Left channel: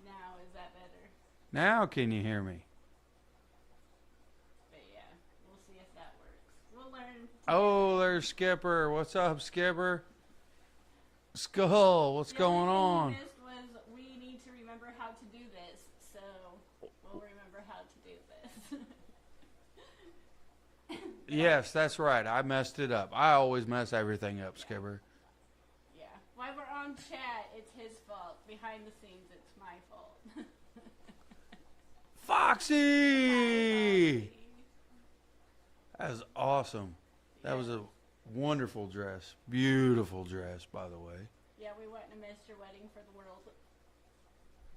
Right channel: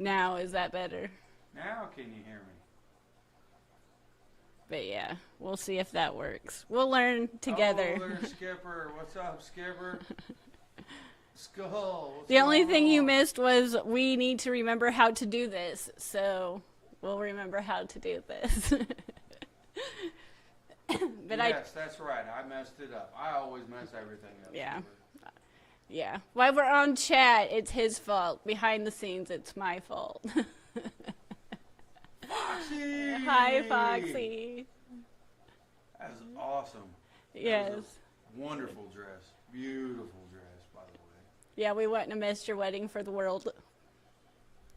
Now, is that better? Now can you hear me? But yeah, we'll see if that works. We'll learn together. Oh, there's Skipper. What's up, Skipper? Skull, what's The going only thing you on? missed was we need to remember how to do this. So we'll remember how to do this. But Yes, that's right. I messed it up. I always mess everything up, Yeah. Skipper. Yeah. While we're on chat, it's his fault. Behind the scenes, it's my fault. Foxy! Hi, Foxy. That was awesome. Yes. That was a wonderful dress. Beautiful dress, by the way. Yeah, we wouldn't have missed your wedding for the world.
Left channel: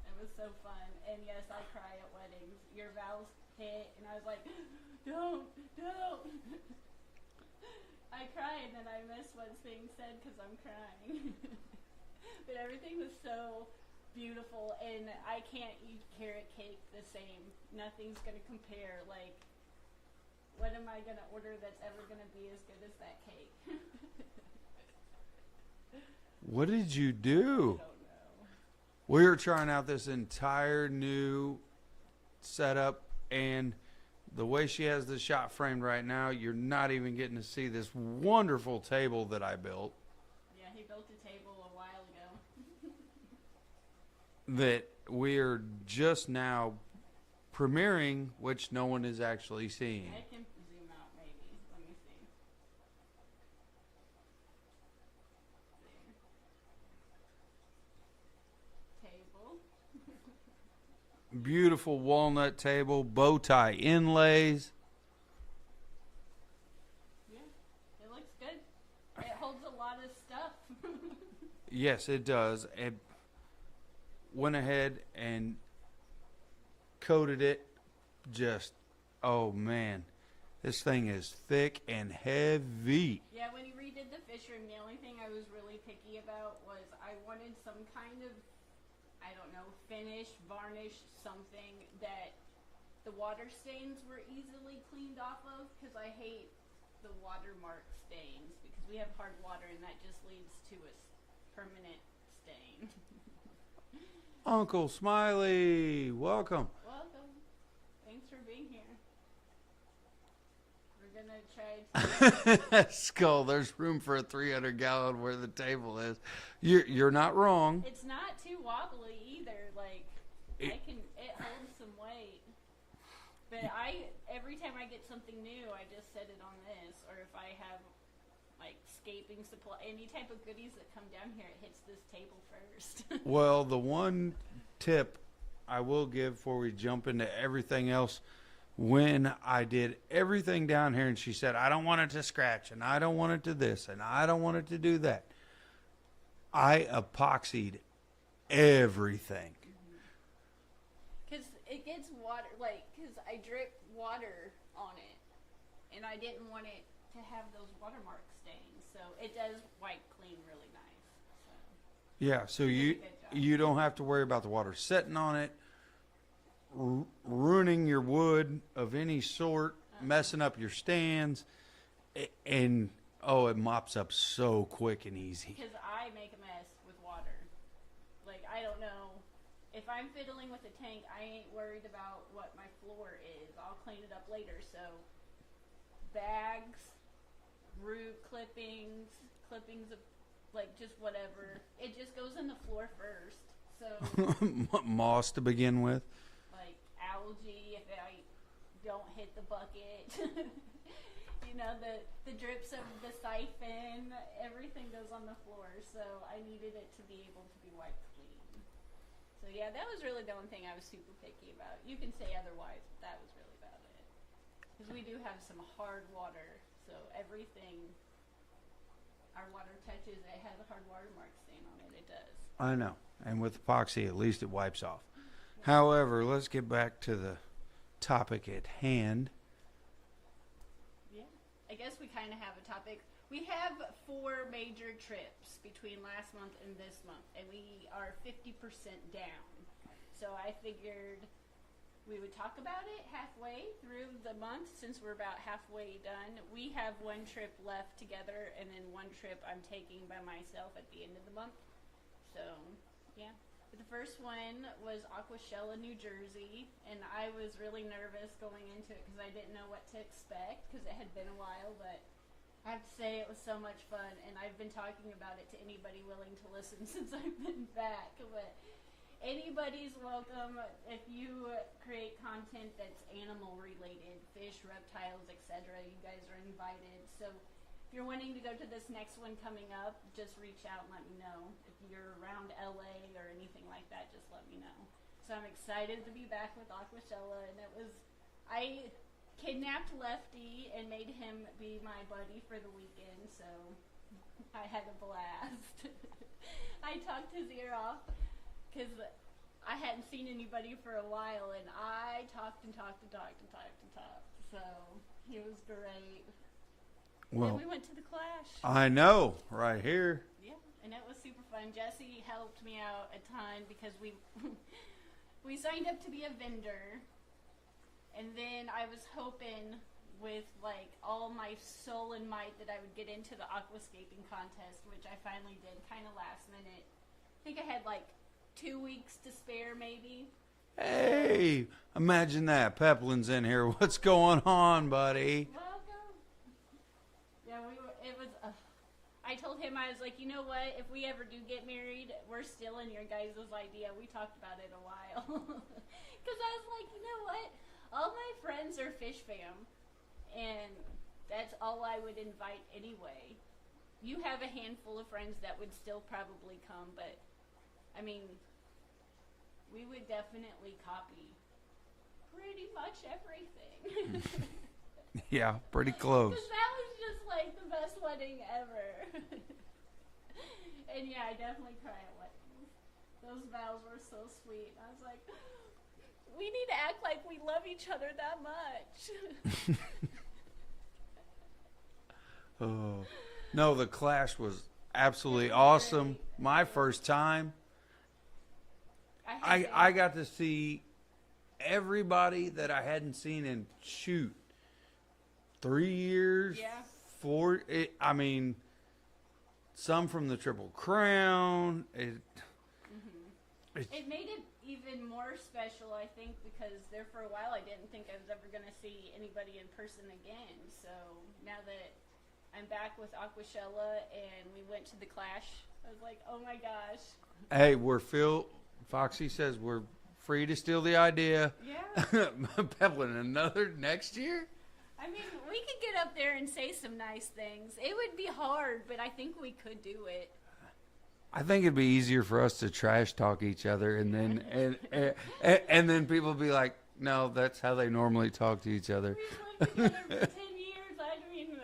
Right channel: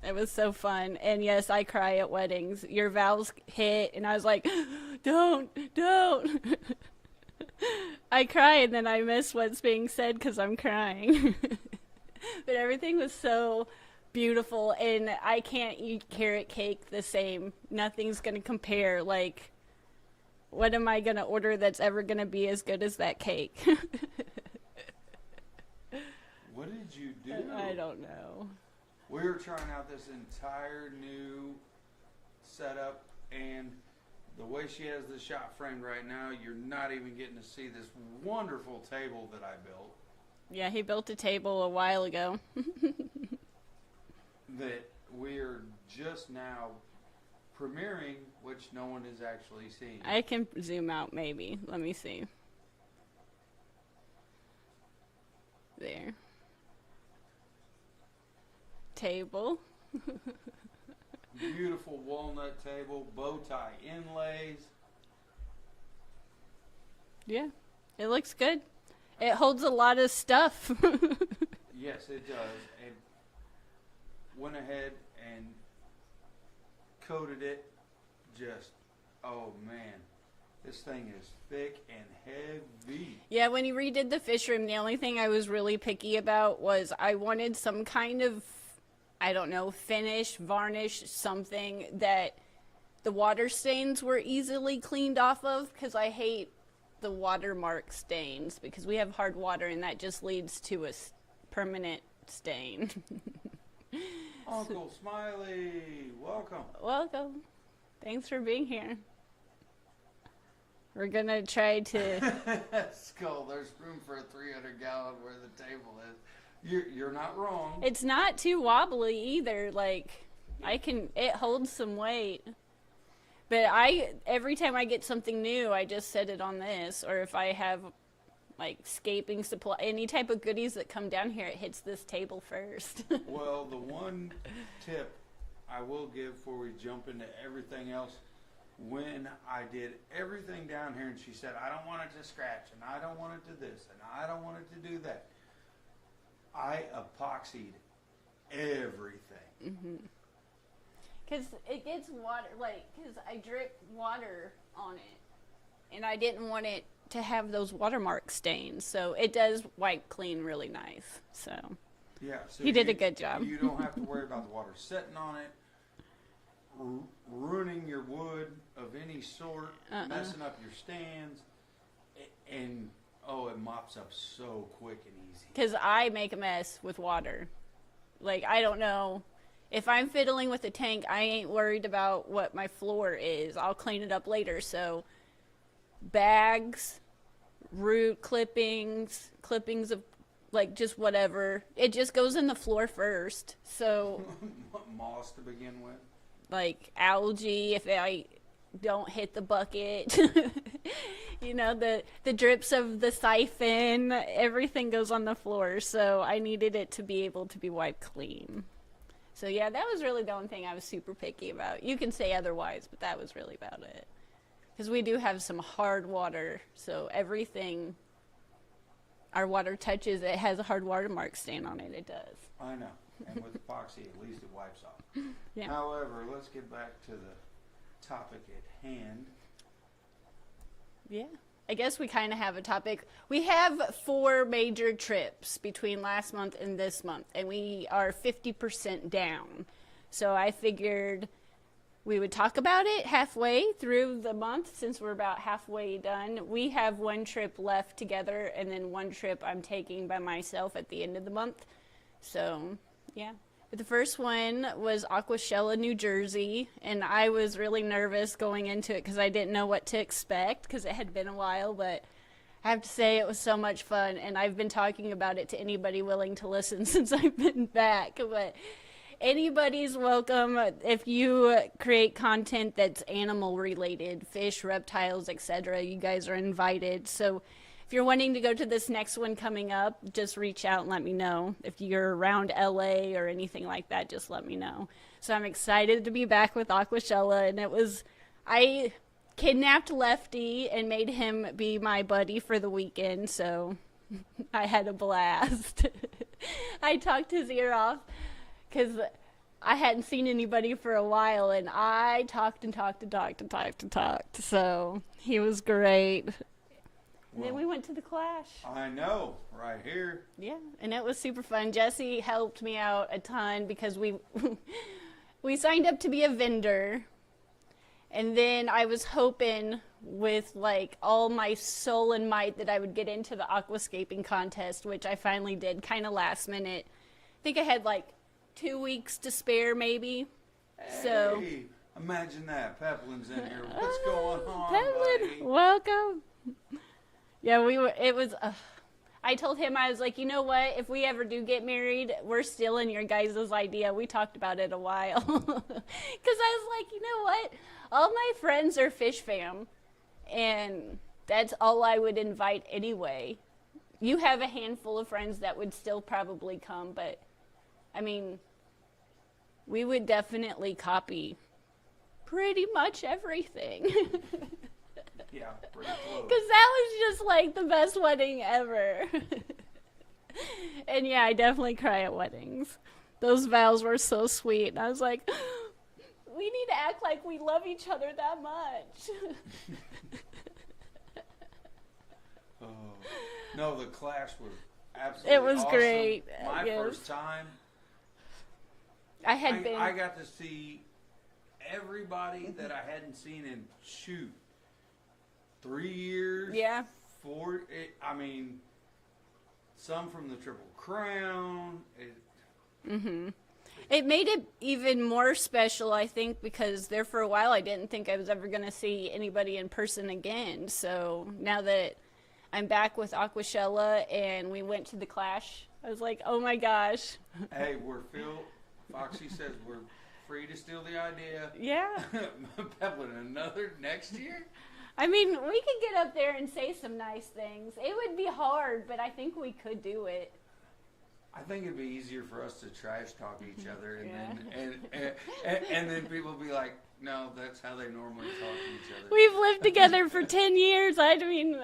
It was so fun. And yes, I cry at weddings. Your vows hit, and I was like, don't. I cry, and then I miss what's being said because I'm crying. But everything was so beautiful, and I can't eat carrot cake the same. Nothing's going to compare. Like, what am I going to order that's ever going to be as good as that cake? What did you do? I don't know. We were trying out this entire new setup, and the way she has the shot framed right now, you're not even getting to see this wonderful table that I built. Yeah, he built a table a while ago. That we're just now premiering, which no one is actually seeing. I can zoom out maybe. Let me see. There. Table. Beautiful walnut table, bow tie inlays. Yeah, it looks good. It holds a lot of stuff. Yes, it does. It went ahead and coated it. Just, oh man, this thing is thick and heavy. Yeah, when you redid the fish room, the only thing I was really picky about was I wanted some kind of, I don't know, finish, varnish, something that the water stains were easily cleaned off of, because I hate the watermark stains, because we have hard water and that just leads to a permanent stain. Uncle Smiley, welcome. Welcome. Thanks for being here. We're gonna try to. Skull, there's room for a 300-gallon where the table is. You're not wrong. It's not too wobbly either. Like, it holds some weight. But every time I get something new, I just set it on this. Or if I have, like, scaping supply, any type of goodies that come down here, it hits this table first. Well, the one tip I will give before we jump into everything else, when I did everything down here and she said, I don't want it to scratch, and I don't want it to this, and I don't want it to do that, I epoxied everything. Because it gets water, like, because I drip water on it. And I didn't want it to have those watermark stains. So it does wipe clean really nice. So Yeah, so you did a good job. You don't have to worry about the water setting on it, ruining your wood of any sort, messing up your stands, and it mops up so quick and easy. Because I make a mess with water. Like, I don't know. If I'm fiddling with the tank, I ain't worried about what my floor is. I'll clean it up later. So bags, root clippings of, like, just whatever. It just goes in the floor first. So Moss to begin with. like algae, if I don't hit the bucket. You know, the drips of the siphon, everything goes on the floor. So I needed it to be able to be wiped clean. So yeah, that was really the only thing I was super picky about. You can say otherwise, but that was really about it. Because we do have some hard water, so everything our water touches, it has a hard watermark stain on it. It does. I know. And with epoxy, at least it wipes off. Yeah. However, let's get back to the topic at hand. Yeah. I guess we kind of have a topic. We have 4 major trips between last month and this month, and we are 50% down. So I figured we would talk about it halfway through the month, since we're about halfway done. We have 1 trip left together, and then 1 trip I'm taking by myself at the end of the month. So, yeah. The first one was Aquashella, New Jersey, and I was really nervous going into it because I didn't know what to expect because it had been a while, but I have to say it was so much fun, and I've been talking about it to anybody willing to listen since I've been back, but anybody's welcome if you create content that's animal related, fish, reptiles, etc. You guys are invited. So if you're wanting to go to this next one coming up, just reach out and let me know. If you're around LA or anything like that, just let me know. So I'm excited to be back with Aquashella, and I kidnapped Lefty and made him be my buddy for the weekend, so I had a blast. I talked his ear off because I hadn't seen anybody for a while, and I talked and talked and talked and talked and talked. So he was great. Well, Then we went to the Clash. I know, right here. Yeah, and it was super fun. Jesse helped me out a ton because we we signed up to be a vendor, and then I was hoping with like all my soul and might that I would get into the aquascaping contest, which I finally did, kind of last minute. I think I had like 2 weeks to spare, maybe. Hey, imagine that. Peplin's in here. What's going on, buddy? Welcome. Yeah, it was, I told him, I was like, you know what, if we ever do get married, we're still in your guys' idea. We talked about it a while. Because I was like, you know what, all my friends are fish fam, and that's all I would invite anyway. You have a handful of friends that would still probably come, but, I mean, we would definitely copy pretty much everything. Yeah, pretty close. Because that was just like the best wedding ever. And yeah, I definitely cry at weddings. Those vows were so sweet. And I was like, we need to act like we love each other that much. Oh. No, the Clash was absolutely It was awesome. great. My Yes. first time. I I got to see everybody that I hadn't seen in 3 years. Yeah. 4. I mean, some from the Triple Crown. It made it even more special, I think, because there for a while I didn't think I was ever going to see anybody in person again. So now that I'm back with Aquashella and we went to the Clash, I was like, oh my gosh. Hey, Foxy says we're free to steal the idea. Yeah. Peplin, another next year? I mean, we could get up there and say some nice things. It would be hard, but I think we could do it. I think it'd be easier for us to trash talk each other, and then people be like, "No, that's how they normally talk to each other." We've lived together for 10 years. I mean,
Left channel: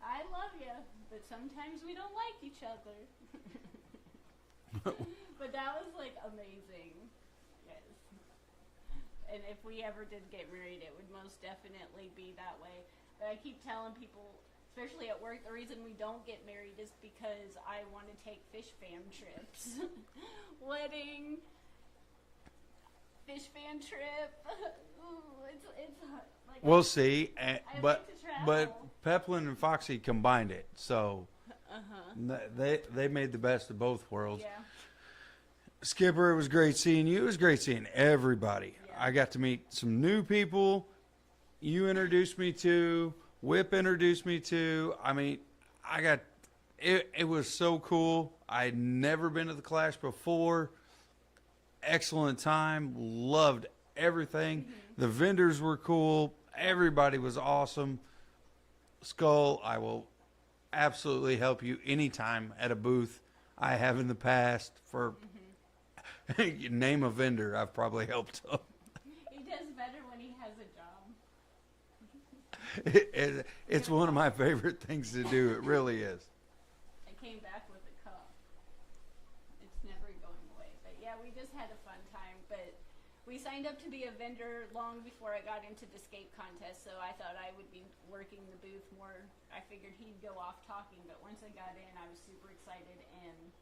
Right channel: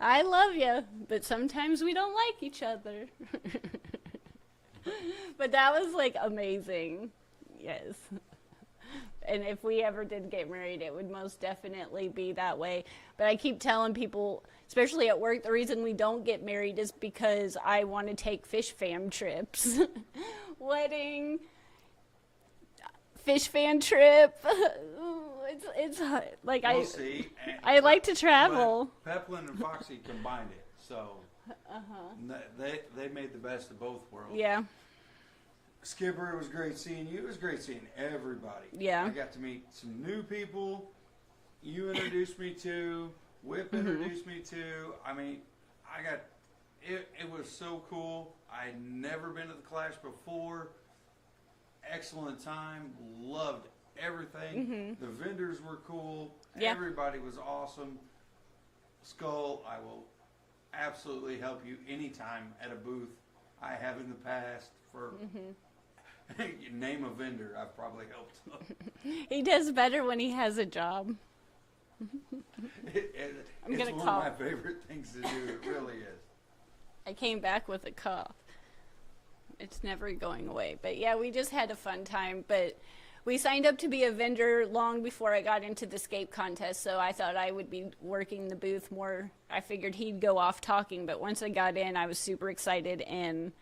I love you, but sometimes we don't like each other. But that was like amazing. Yes. And if we ever did get married, it would most definitely be that way. But I keep telling people, especially at work, the reason we don't get married is because I want to take fish fam trips. Wedding, fish fan trip. It's like We'll see. I like to travel. But Peplin and Foxy combined it, so they made the best of both worlds. Yeah. Skipper, it was great seeing you. It was great seeing everybody. Yeah. I got to meet some new people. You introduced me to. Whip introduced me to. I mean, it was so cool. I'd never been to the Clash before. Excellent time. Loved everything. The vendors were cool. Yeah. Everybody was awesome. Skull, I will absolutely help you anytime at a booth. I have in the past for name a vendor I've probably helped them. He does better when he has a job. It's gonna one of my cough. favorite things to do. It really is. I came back with a cough. It's never going away. But yeah, we just had a fun time. But we signed up to be a vendor long before I got into the Scape contest, so I thought I would be working the booth more. I figured he'd go off talking, but once I got in, I was super excited. And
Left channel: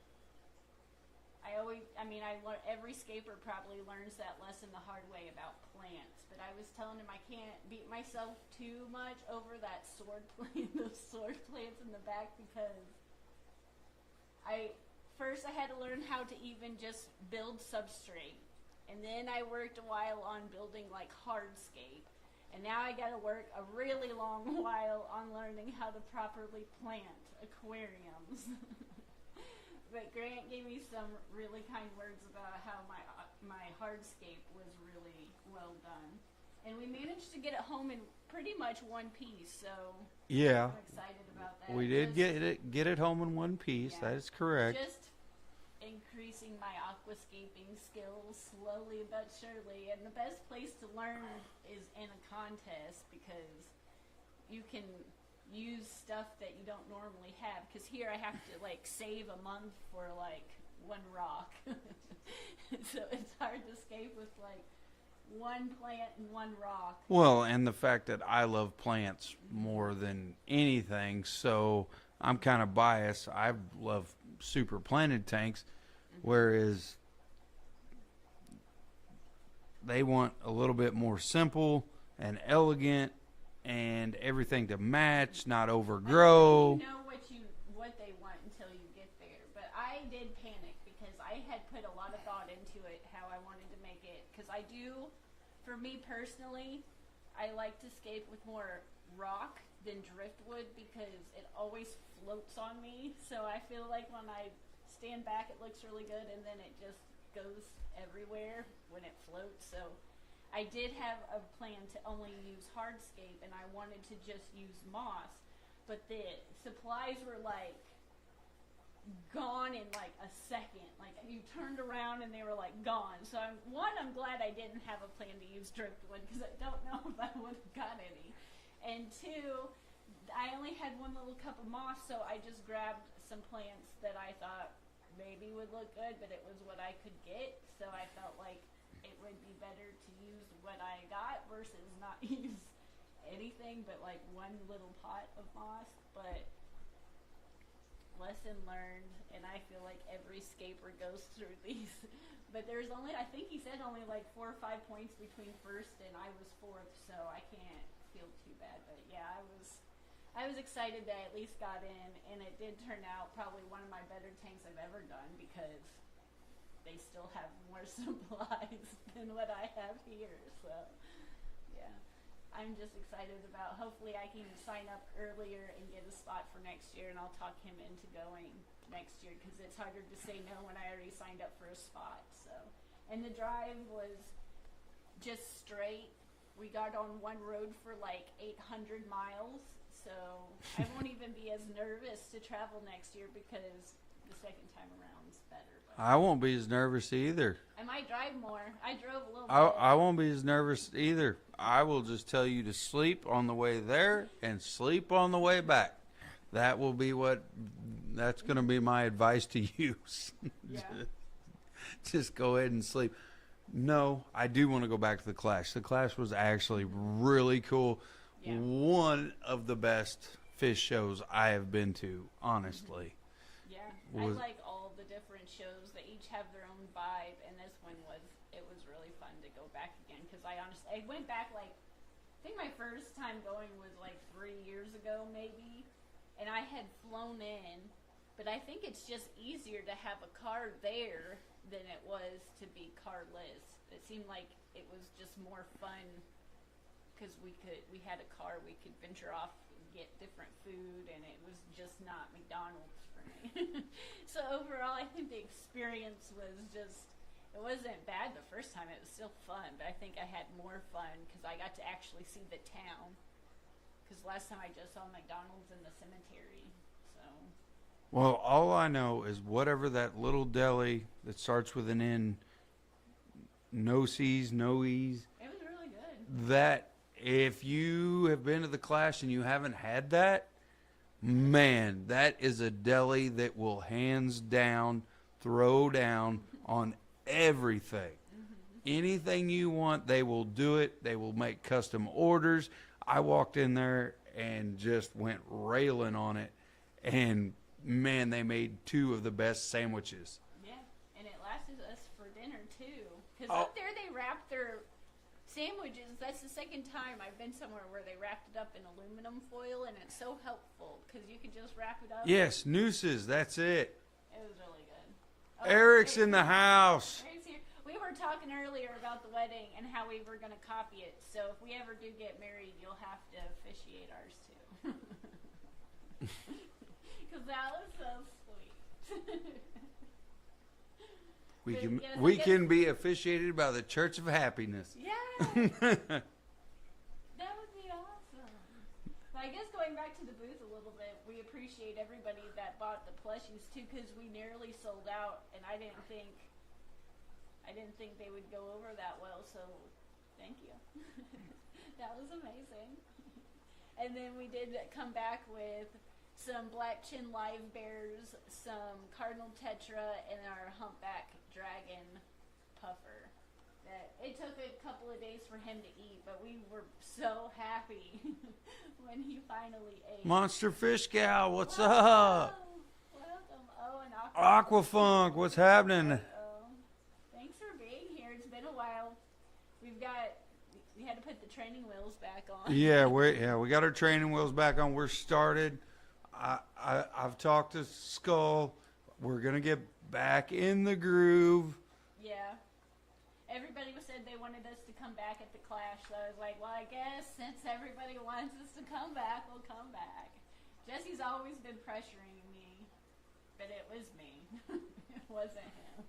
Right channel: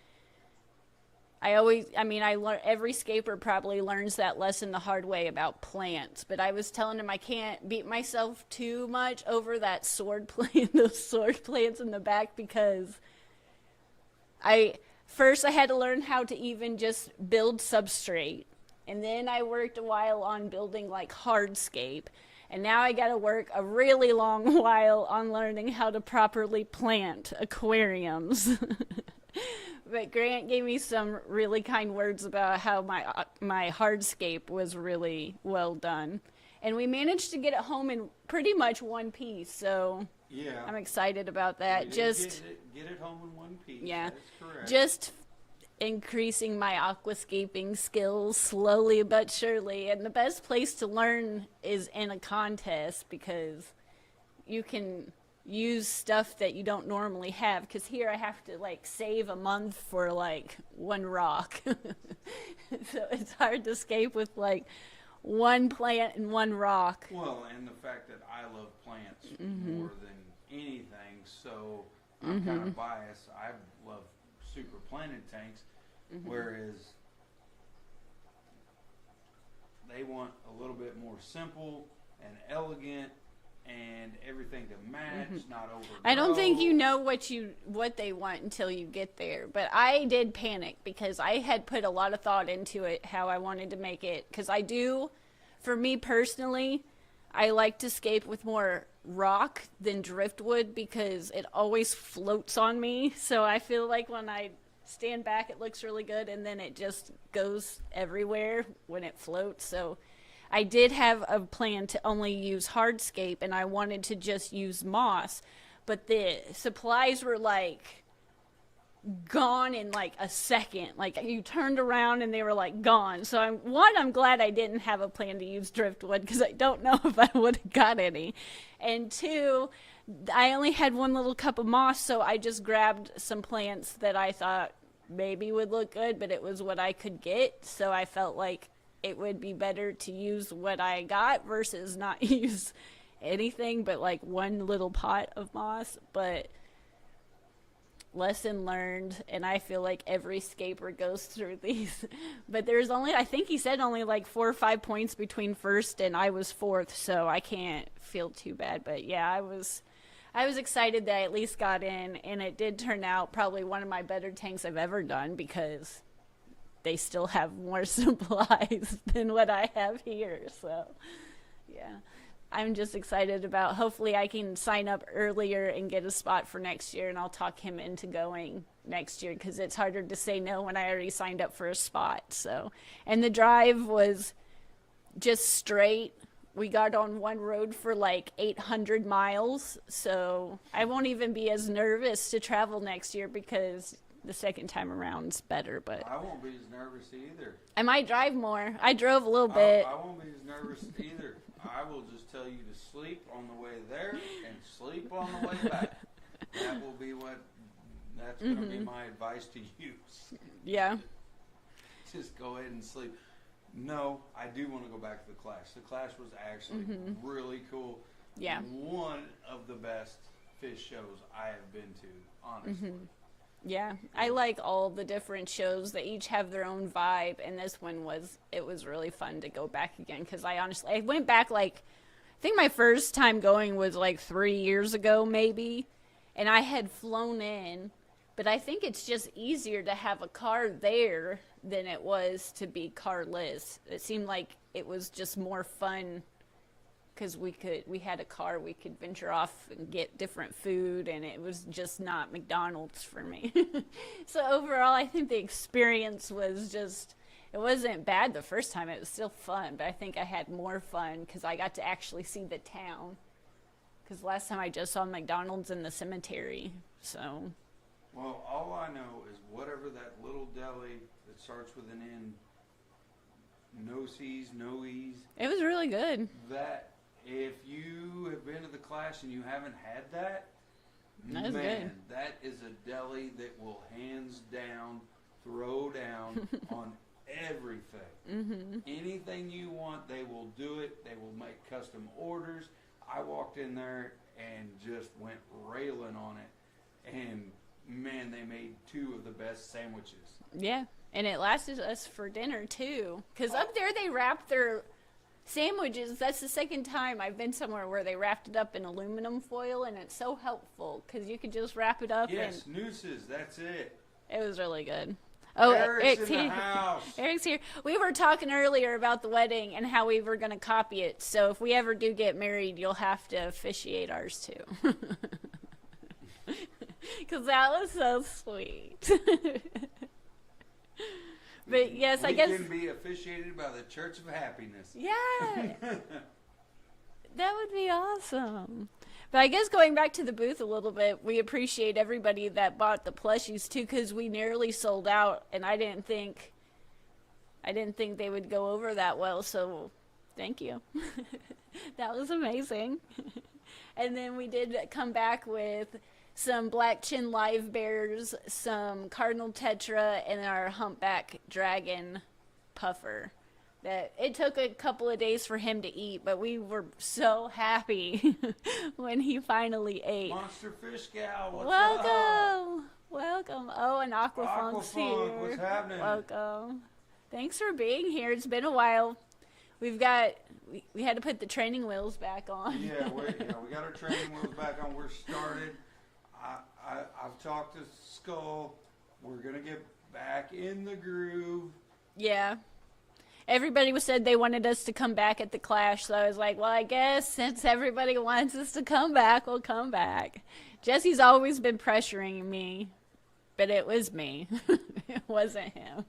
every scaper probably learns that lesson the hard way about plants, but I was telling him I can't beat myself too much over that sword plant, those sword plants in the back, because first I had to learn how to even just build substrate. And then I worked a while on building like hardscape. And now I got to work a really long while on learning how to properly plant aquariums. But Grant gave me some really kind words about how my hardscape was really well done. And we managed to get it home in pretty much one piece, so Yeah. I'm excited about that. We did get it home in one piece. Yeah. That is correct. Just increasing my aquascaping skills slowly but surely. And the best place to learn is in a contest, because you can use stuff that you don't normally have. Because here I have to like save a month for like one rock. So it's hard to scape with like one plant and one rock. Well, and the fact that I love plants more than anything, so I'm kind of biased. I love super planted tanks, whereas they want a little bit more simple and elegant and everything to match, not overgrow. I don't think you know what they want until you get there. But I did panic because I had put a lot of thought into it, how I wanted to make it. Because I do, for me personally, I like to scape with more rock than driftwood because it always floats on me. So I feel like when I stand back, it looks really good, and then it just goes everywhere when it floats. So I did have a plan to only use hardscape, and I wanted to just use moss, but the supplies were like gone in like a second. Like you turned around and they were like gone. So I'm glad I didn't have a plan to use driftwood, because I don't know if I would have got any. And two, I only had one little cup of moss, so I just grabbed some plants that I thought maybe would look good, but it was what I could get. So I felt like it would be better to use what I got versus not use anything but like one little pot of moss. But lesson learned, and I feel like every scaper goes through these. But there's only, I think he said only like 4 or 5 points between first and I was fourth, so I can't feel too bad. But yeah, I was excited that I at least got in, and it did turn out probably one of my better tanks I've ever done, because they still have more supplies than what I have here. So yeah, I'm just excited about, hopefully I can sign up earlier and get a spot for next year, and I'll talk him into going next year, because it's harder to say no when I already signed up for a spot. So, and the drive was just straight. We got on one road for like 800 miles, so I won't even be as nervous to travel next year, because the second time around's better. But I won't be as nervous either. I might drive more. I drove a little bit. I won't be as nervous either. I will just tell you to sleep on the way there and sleep on the way back. That's going to be my advice to you. Yeah. Just go ahead and sleep. No, I do want to go back to the Clash. The Clash was actually really cool. Yeah. One of the best fish shows I have been to, honestly. Yeah, I like all the different shows. They each have their own vibe, and this one was really fun to go back again, because I went back like, I think my first time going was like 3 years ago maybe, and I had flown in, but I think it's just easier to have a car there than it was to be carless. It seemed like it was just more fun, because we had a car, we could venture off and get different food, and it was just not McDonald's for me. So overall, I think the experience was just, it wasn't bad the first time. It was still fun, but I think I had more fun because I got to actually see the town, because last time I just saw McDonald's in the cemetery. So Well, all I know is whatever that little deli that starts with an N, no C's, no E's, it was really good. that if you have been to the Clash and you haven't had that, That is man, that is a deli that will hands down throw down on everything. Anything you want, they will do it. They will make custom orders. I walked in there and just went railing on it, and man, they made 2 of the best sandwiches. Yeah, and it lasted us for dinner too, because up there they wrap their sandwiches. That's the second time I've been somewhere where they wrapped it up in aluminum foil, and it's so helpful because you could just wrap it up. Yes, nooses, that's it. It was really good. Oh, Eric's in the house. Eric's here. We were talking earlier about the wedding and how we were going to copy it. So if we ever do get married, you'll have to officiate ours too. Because that was so sweet. But yes, I guess we can be officiated by the Church of Happiness. Yeah. That would be awesome. But I guess going back to the booth a little bit, we appreciate everybody that bought the plushies too, because we nearly sold out, and I didn't think they would go over that well. So, thank you. That was amazing. And then we did come back with some black chin live bears, some cardinal tetra, and our humpback dragon puffer. That it took a couple of days for him to eat, but we were so happy when he finally ate. Monster Fish Gal, what's Welcome. up? Welcome. Oh, and Aquafunk. Aquafunk, what's happening? Welcome. Thanks for being here. It's been a while. We had to put the training wheels back on. Yeah, we got our training wheels back on. We're started. I've talked to Skull. We're gonna get back in the groove. Yeah. Everybody said they wanted us to come back at the Clash, so I was like, well, I guess since everybody wants us to come back, we'll come back. Jesse's always been pressuring me, but it was me. It wasn't him.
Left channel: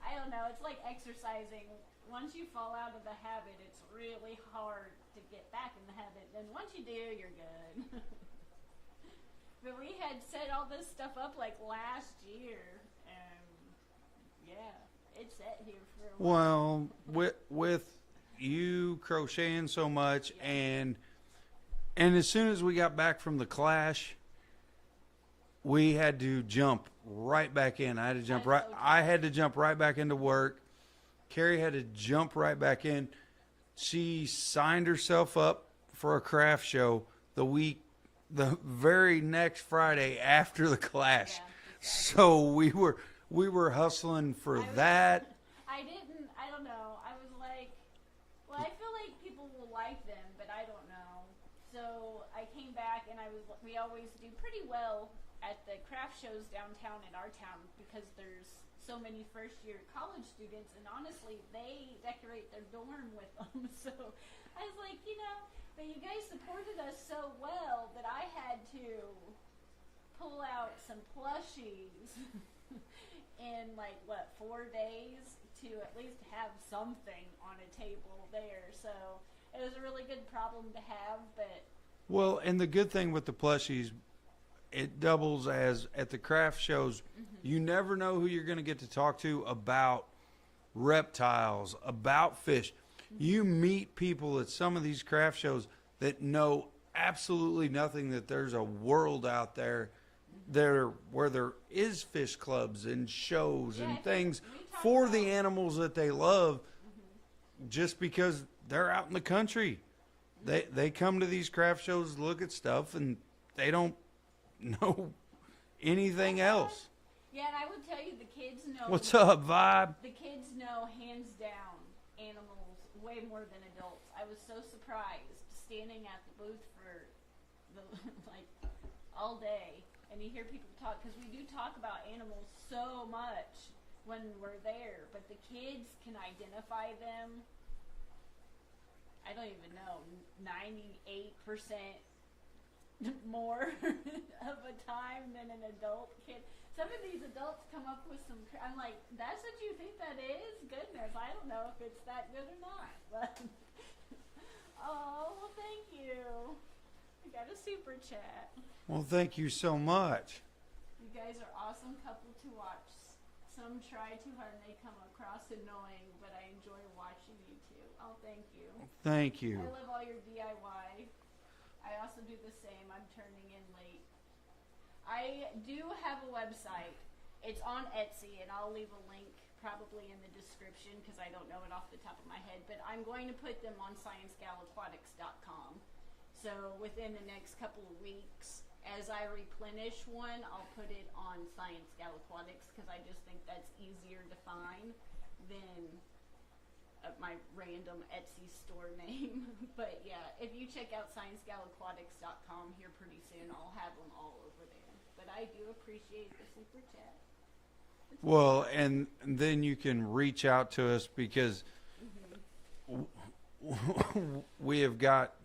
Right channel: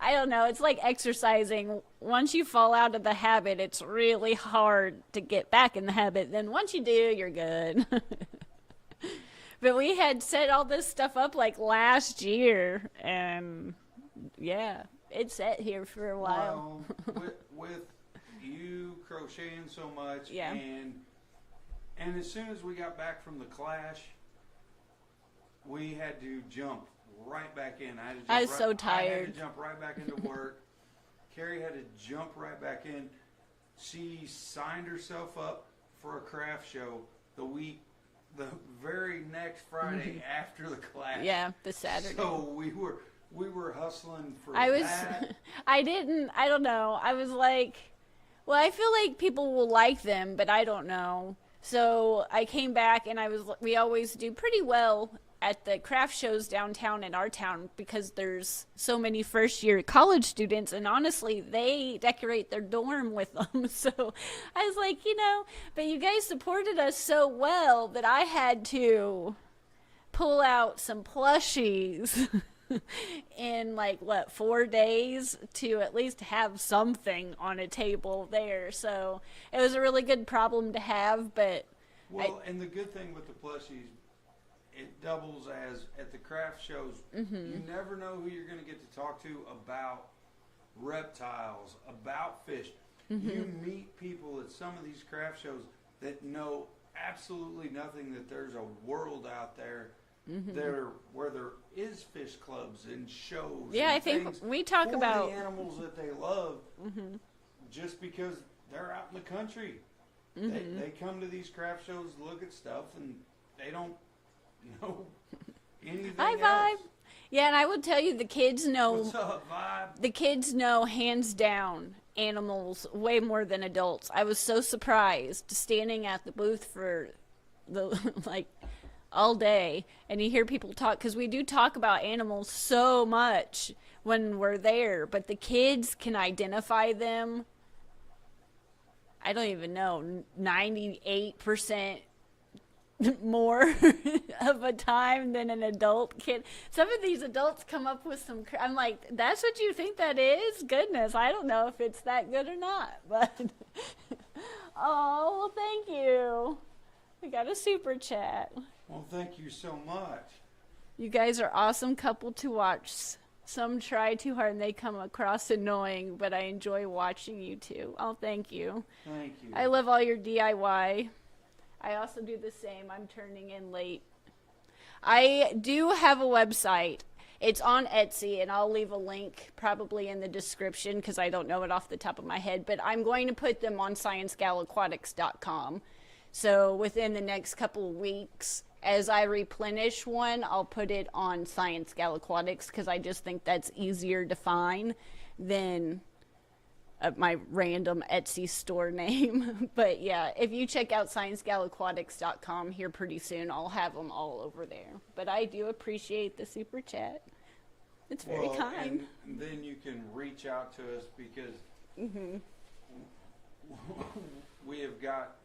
I don't know. It's like exercising. Once you fall out of the habit, it's really hard to get back in the habit. Then once you do, you're good. But we had set all this stuff up like last year, and yeah. It's set here for a while. Well, with you crocheting so much, yeah. and as soon as we got back from the Clash, we had to jump right back in. I had to jump so tired. I had to jump right back into work. Carrie had to jump right back in. She signed herself up for a craft show the very next Friday after the Clash. Yeah, the Saturday. So we were hustling for that. I don't know. I was like, well, I feel like people will like them, but I don't know. So I came back and we always do pretty well at the craft shows downtown in our town because there's so many first year college students, and honestly, they decorate their dorm with them. So I was like, but you guys supported us so well that I had to pull out some plushies. In 4 days to at least have something on a table there. So it was a really good problem to have, but and the good thing with the plushies, it doubles as at the craft shows. Mm-hmm. You never know who you're going to get to talk to about reptiles, about fish. Mm-hmm. You meet people at some of these craft shows that know absolutely nothing, that there's a world out there. Mm-hmm. Where there is fish clubs and shows and things we talk for about the animals that they love, mm-hmm. just because they're out in the country. Mm-hmm. They come to these craft shows, look at stuff, and they don't know anything else. Yeah, and I will tell you, the kids know. What's up, Vibe? The kids know hands down animals way more than adults. I was so surprised standing at the booth for the all day, and you hear people talk, because we do talk about animals so much when we're there, but the kids can identify them, I don't even know, 98% more of a time than an adult kid. Some of these adults come up with some, I'm like, that's what you think that is? Goodness, I don't know if it's that good or not, but oh, well, thank you. We got a super chat. Well, thank you so much. You guys are awesome couple to watch. Some try too hard and they come across annoying, but I enjoy watching you two. Oh, thank you. Thank you. I love all your DIY. I also do the same. I'm turning in late. I do have a website. It's on Etsy, and I'll leave a link probably in the description because I don't know it off the top of my head, but I'm going to put them on sciencegalaquatics.com. So within the next couple of weeks, as I replenish one, I'll put it on Science Gal Aquatics because I just think that's easier to find than my random Etsy store name. But yeah, if you check out sciencegalaquatics.com here pretty soon, I'll have them all over there. But I do appreciate the super chat. It's very Well, kind. and then you can reach out to us because we have got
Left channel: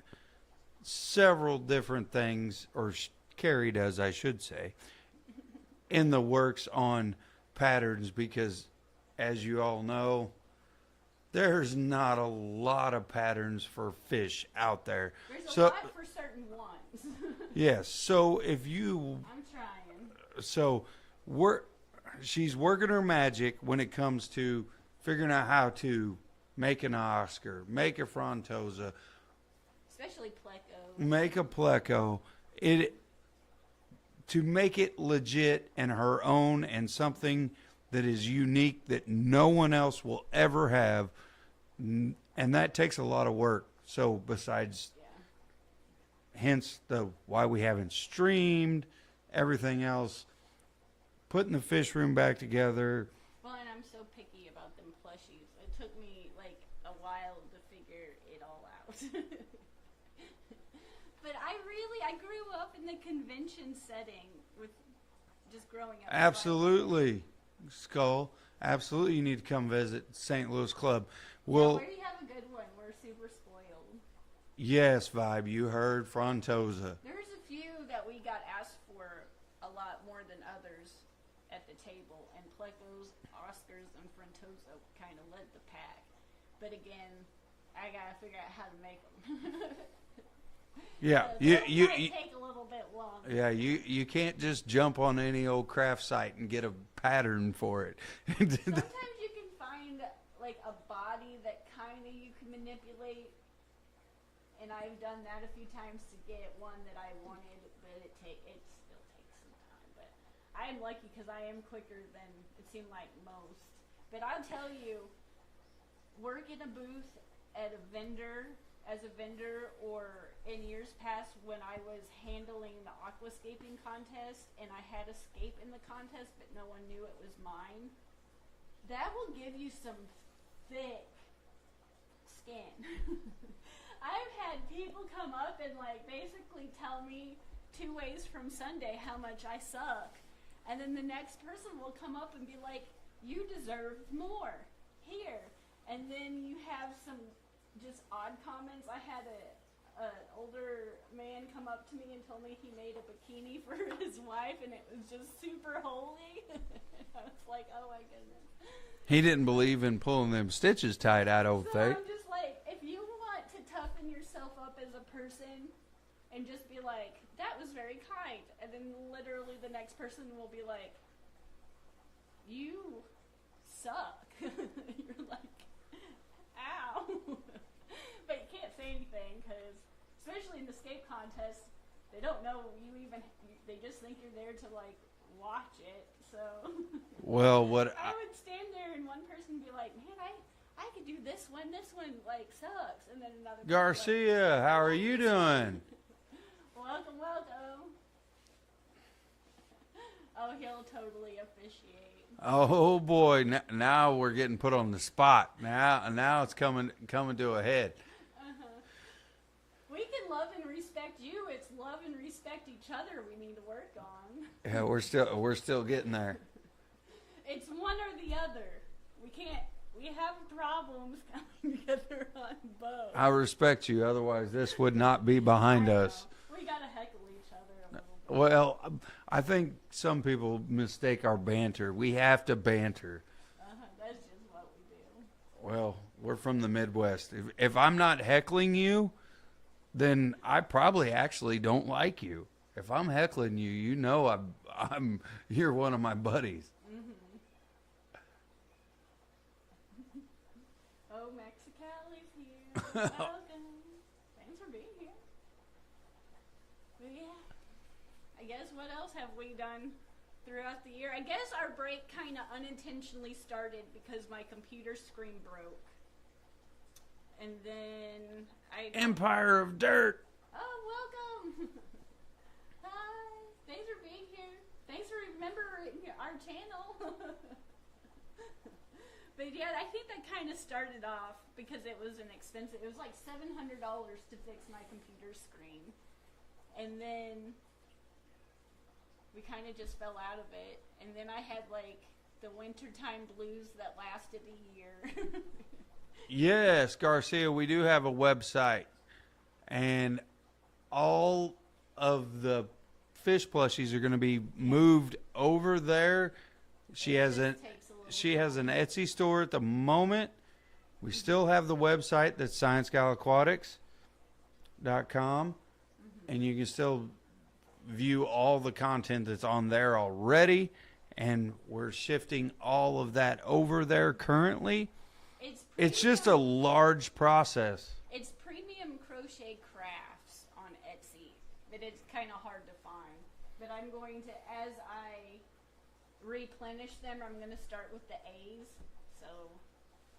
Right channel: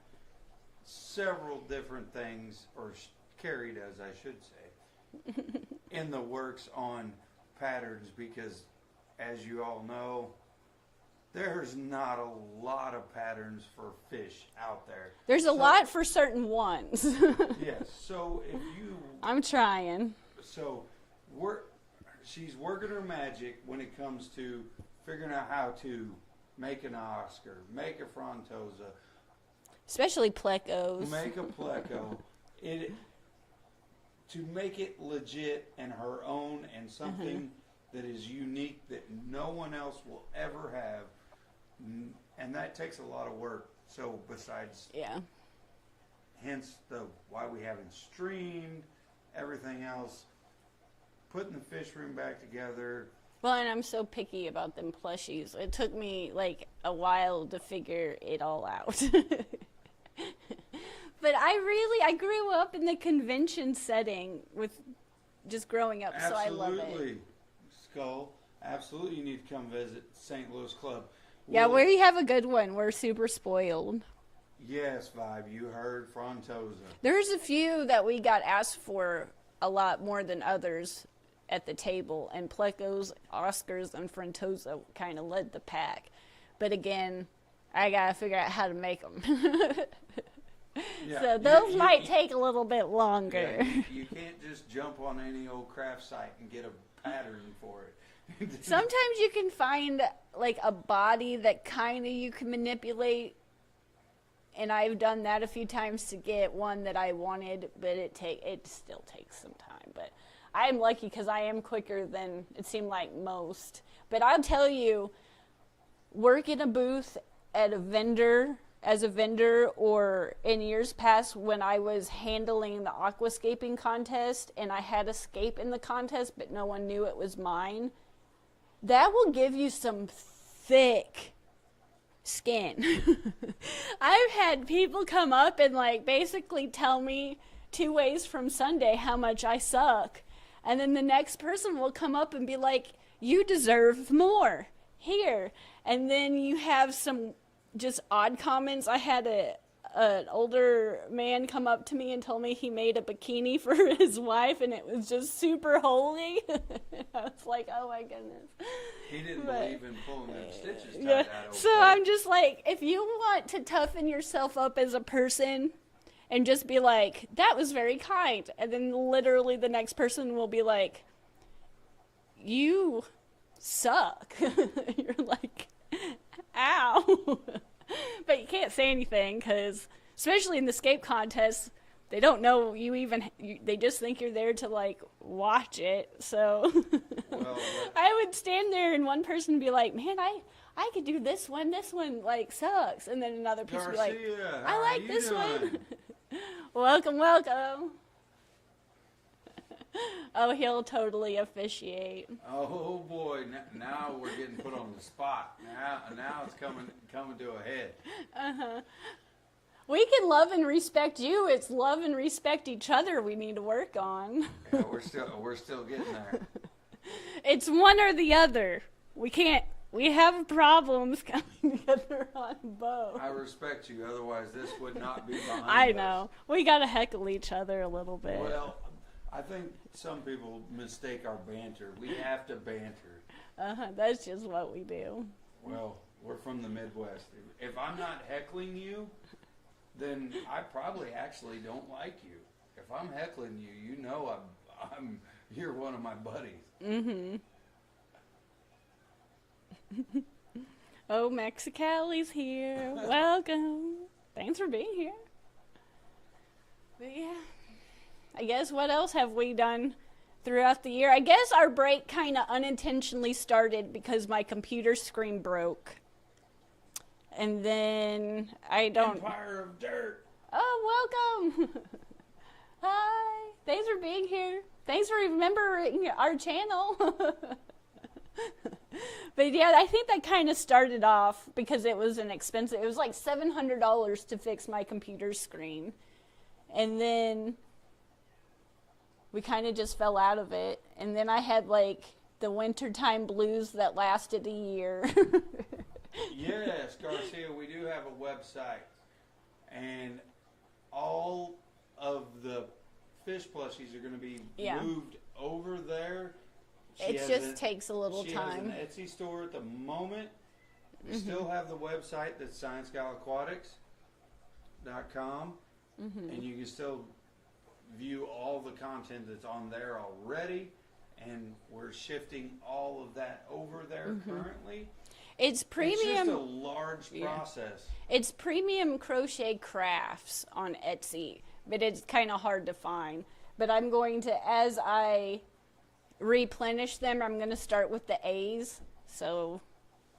several different things, or Carrie does, I should say, in the works on patterns because, as you all know, there's not a lot of patterns for fish out there. There's a So- lot for certain ones. Yes. So if you, I'm trying. so she's working her magic when it comes to figuring out how to make an Oscar, make a Frontosa, Especially plecos. make a pleco. To make it legit and her own and something that is unique that no one else will ever have, and that takes a lot of work. So besides, Yeah. hence the why we haven't streamed, everything else, putting the fish room back together. Well, and I'm so picky about them plushies. It took me like a while to figure it all out. But I grew up in the convention setting with just growing up. So I love it. Absolutely, Skull. Absolutely, you need to come visit St. Louis Club. Yeah, we have a good one. We're super spoiled. Yes, Vibe. You heard Frontosa. There's a few that we got asked for a lot more than others at the table, and Plecos, Oscars, and Frontosa kind of led the pack. But again, I gotta figure out how to make them. Yeah, So those might take a little bit longer. Yeah, you can't just jump on any old craft site and get a pattern for it. Sometimes you can find like a body that kind of you can manipulate, and I've done that a few times to get one that I wanted, but it still takes some time. But I'm lucky because I am quicker than it seemed like most. But I'll tell you, work in a booth at a vendor as a vendor, or in years past when I was handling the aquascaping contest and I had a scape in the contest but no one knew it was mine, that will give you some thick skin. I've had people come up and like basically tell me 2 ways from Sunday how much I suck, and then the next person will come up and be like, you deserve more here. And then you have some just odd comments. I had an older man come up to me and told me he made a bikini for his wife and it was just super holy. I was like, oh my goodness. He didn't believe in pulling them stitches tied out over So there. I'm just like, if you want to toughen yourself up as a person and just be like, that was very kind, and then literally the next person will be like, you suck. You're like, ow. But you can't say anything because, especially in the scape contest, they don't know they just think you're there to like watch it. So Well, what I would stand there and one person would be like, man, I could do this one like sucks. And then another person would be like, Garcia, how I are like you this doing? one. welcome. Oh, he'll totally officiate. Oh boy, now we're getting put on the spot. Now it's coming to a head. We can love and respect you. It's love and respect each other we need to work on. Yeah, we're still getting there. It's one or the other. We have problems coming together on both. I respect you, otherwise this would not be behind I us. know. We got to heckle each other a little bit. Well, I think some people mistake our banter. We have to banter. That's just what we do. Well, we're from the Midwest. If I'm not heckling you, then I probably actually don't like you. If I'm heckling you, you know you're one of my buddies. Mm-hmm. Oh, Mexicali's here. Welcome. Thanks for being here. But yeah, I guess what else have we done throughout the year? I guess our break kind of unintentionally started because my computer screen broke. And then I don't... Empire of Dirt. Oh, welcome. Hi. Thanks for being here. Thanks for remembering our channel. But yeah, I think that kind of started off because it was an expensive. It was like $700 to fix my computer screen, and then we kind of just fell out of it. And then I had like the wintertime blues that lasted a year. Yes, Garcia, we do have a website, and all of the fish plushies are going to be Yeah. moved over there. She It has just takes a little she time. has an Etsy store at the moment. We still have the website that's sciencegalaquatics.com, and you can still view all the content that's on there already. And we're shifting all of that over there currently. It's premium. It's just a large process. It's premium crochet crafts on Etsy, but it's kind of hard to find. But I'm going to, as I replenish them, I'm going to start with the A's. So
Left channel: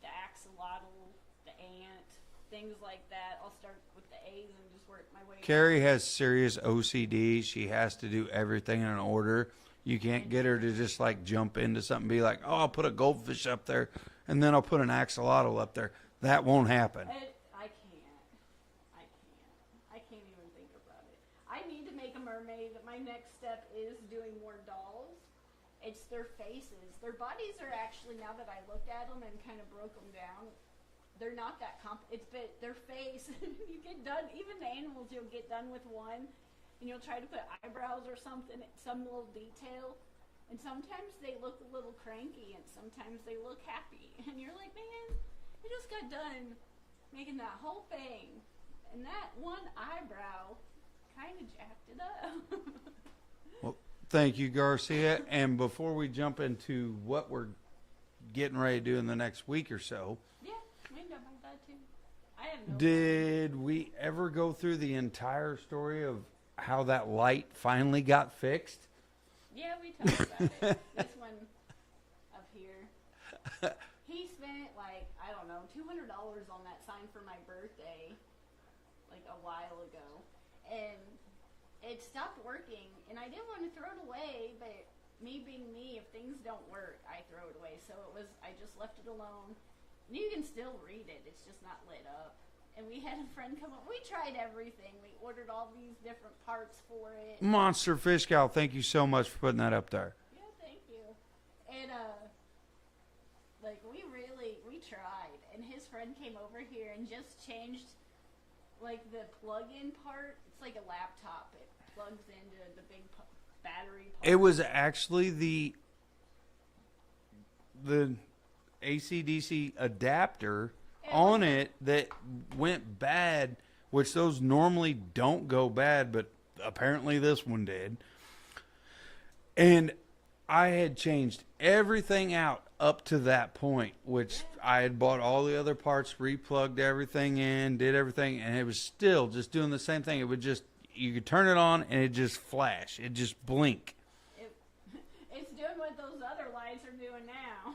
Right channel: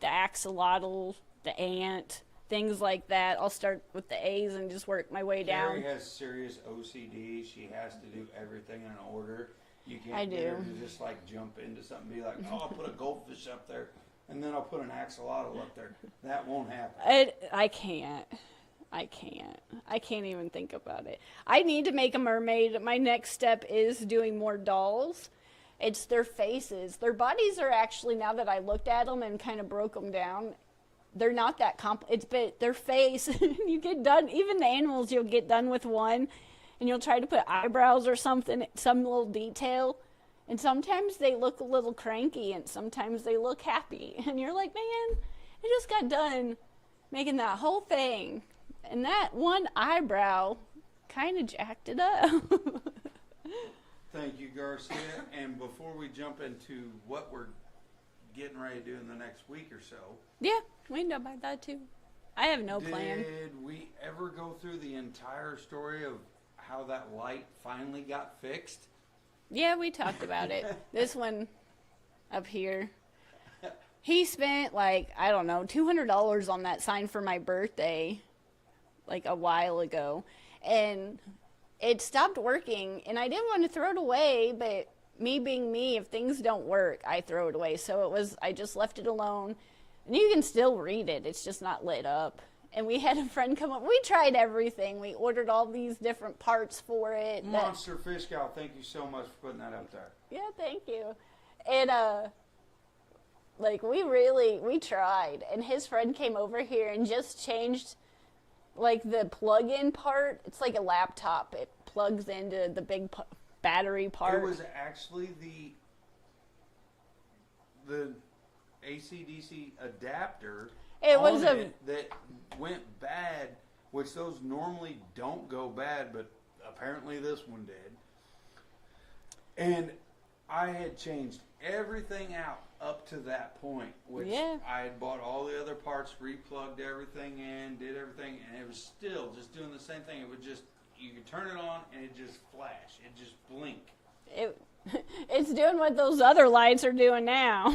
the axolotl, the ant, things like that. I'll start with the A's and just work my way Carrie down. has serious OCD. She has to do everything in order. You I can't get her do. to just like jump into something and be like, oh, I'll put a goldfish up there and then I'll put an axolotl up there. That won't happen. I can't. I can't even think about it. I need to make a mermaid. My next step is doing more dolls. It's their faces. Their bodies are actually, now that I looked at them and kind of broke them down, they're not that it's but their face. You get done, even the animals, you'll get done with one and you'll try to put eyebrows or something, some little detail. And sometimes they look a little cranky and sometimes they look happy. And you're like, man, I just got done making that whole thing. And that one eyebrow kind of jacked it up. Thank you, Garcia. And before we jump into what we're getting ready to do in the next week or so, Yeah, we can talk about that too. I have no plan. did we ever go through the entire story of how that light finally got fixed? Yeah, we talked about it. This one up here. He spent like, I don't know, $200 on that sign for my birthday like a while ago. And it stopped working and I didn't want to throw it away, but me being me, if things don't work, I throw it away. So I just left it alone. And you can still read it. It's just not lit up. And we had a friend come up. We tried everything. We ordered all these different parts for it. Monster Fish Gal, thank you so much for putting that up there. Yeah, thank you. And like we tried. And his friend came over here and just changed like the plug-in part. It's like a laptop. It plugs into the big battery part. It was actually the AC/DC adapter on it that went bad, which those normally don't go bad, but apparently this one did. And I had changed everything out up to that point, which Yeah. I had bought all the other parts, replugged everything in, did everything, and it was still just doing the same thing. It would just, you could turn it on and it just flash. It just blink. It's doing what those other lights are doing now.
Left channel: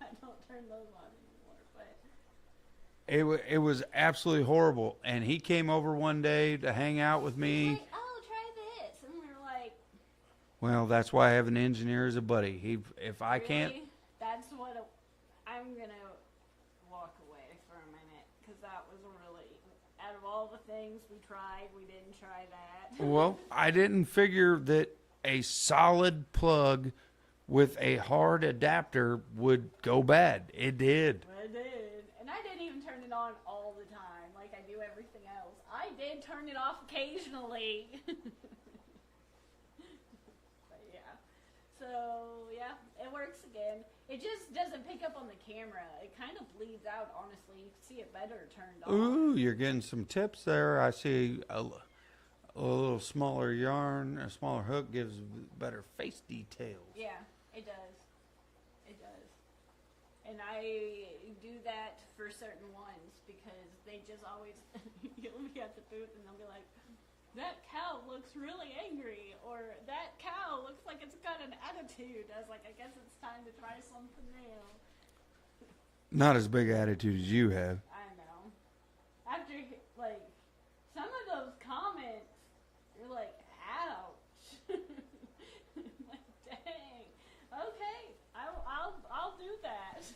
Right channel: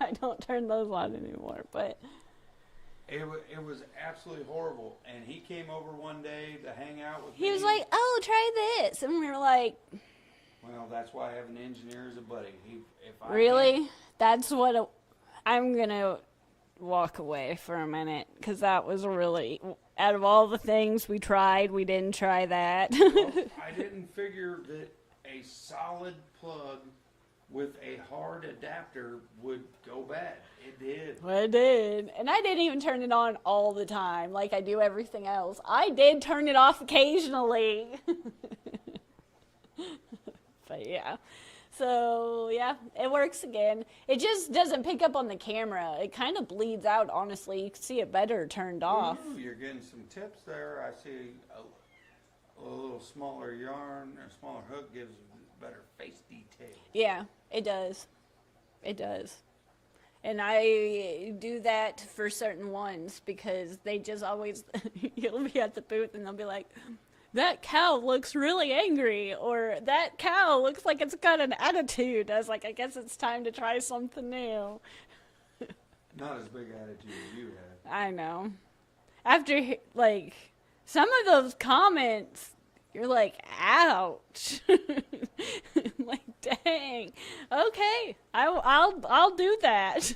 I don't turn those on anymore, but It was absolutely horrible. And he came over one day to hang out with me. he was like, "Oh, try this," and we were like, Well, that's why I have an engineer as a buddy. If I "Really? can't, That's what I'm gonna walk away for a minute because that was really out of all the things we tried, we didn't try that." well, I didn't figure that a solid plug with a hard adapter would go bad. It did. I did. And I didn't even turn it on all the time like I do everything else. I did turn it off occasionally. But yeah. So, yeah, it works again. It just doesn't pick up on the camera. It kind of bleeds out, honestly. You can see it better turned off. Ooh, you're getting some tips there. I see a little smaller yarn, a smaller hook gives better face detail. Yeah, it does. It does. And I do that for certain ones because they just always, you'll be at the booth and they'll be like, "That cow looks really angry," or "That cow looks like it's got an attitude." I was like, I guess it's time to try something new. Not as big attitude as you have. I know. After, like, some of those comments, you're like, ouch. Like, dang. Okay, I'll do that.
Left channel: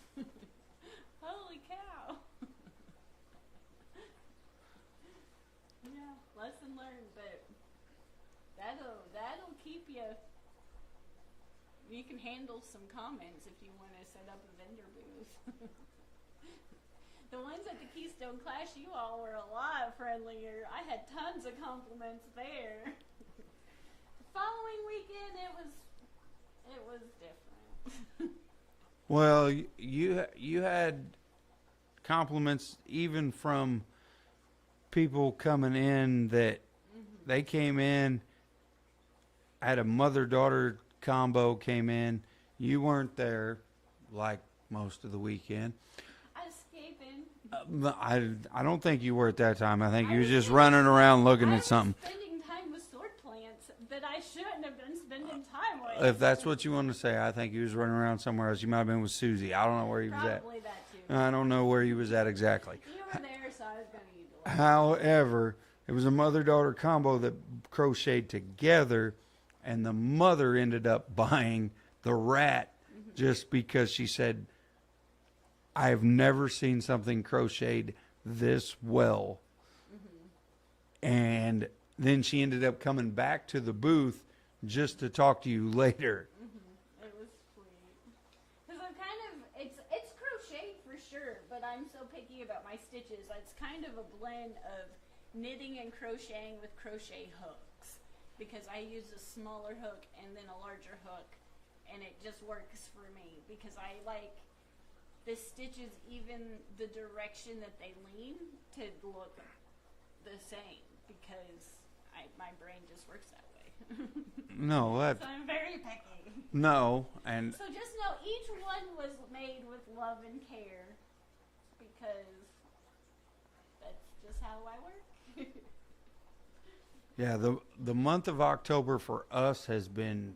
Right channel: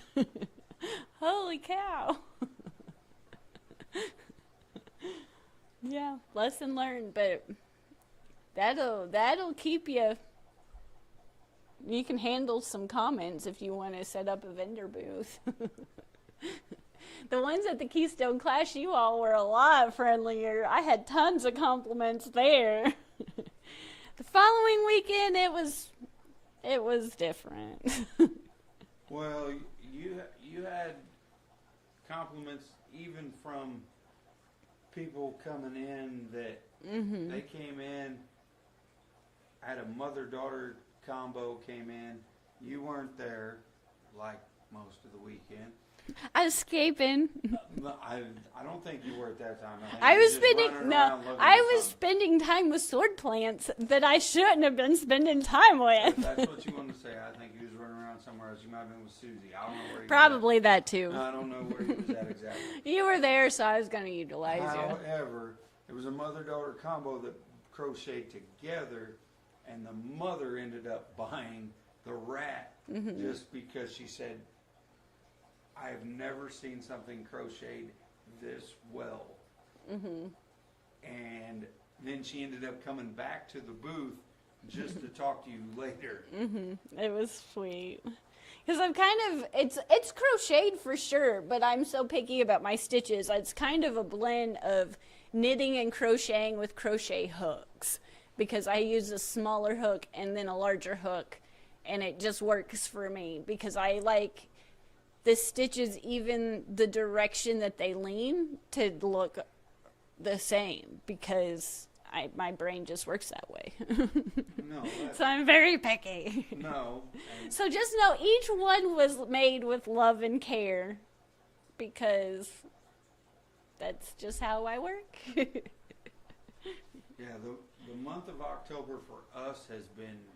Holy cow. Yeah, lesson learned, but that'll keep you. You can handle some comments if you want to set up a vendor booth. The ones at the Keystone Clash, you all were a lot friendlier. I had tons of compliments there. The following weekend, it was different. Well, you had compliments even from people coming in that they came in, had a mother-daughter combo came in. You weren't there like most of the weekend. I was escaping. I don't think you were at that time. I think I you were was just spending, running no, around looking I at was something. spending time with sword plants that I shouldn't have been spending time with. If that's what you want to say, I think you was running around somewhere else. You might have been with Susie. I don't know where you Probably that too. was at. I don't know where you was at exactly. You were there, so I was going to utilize it. However, it was a mother-daughter combo that crocheted together, and the mother ended up buying the rat just because she said, I've never seen something crocheted this well. And then she ended up coming back to the booth just to talk to you later. It was sweet. Because I'm kind of, it's crocheted for sure, but I'm so picky about my stitches. It's kind of a blend of knitting and crocheting with crochet hooks. Because I use a smaller hook and then a larger hook. And it just works for me. Because I like the stitches, even the direction that they lean, to look the same. Because my brain just works that way. No, So I'm very picky. no. And So just know each one was made with love and care, because that's just how I work. yeah, the month of October for us has been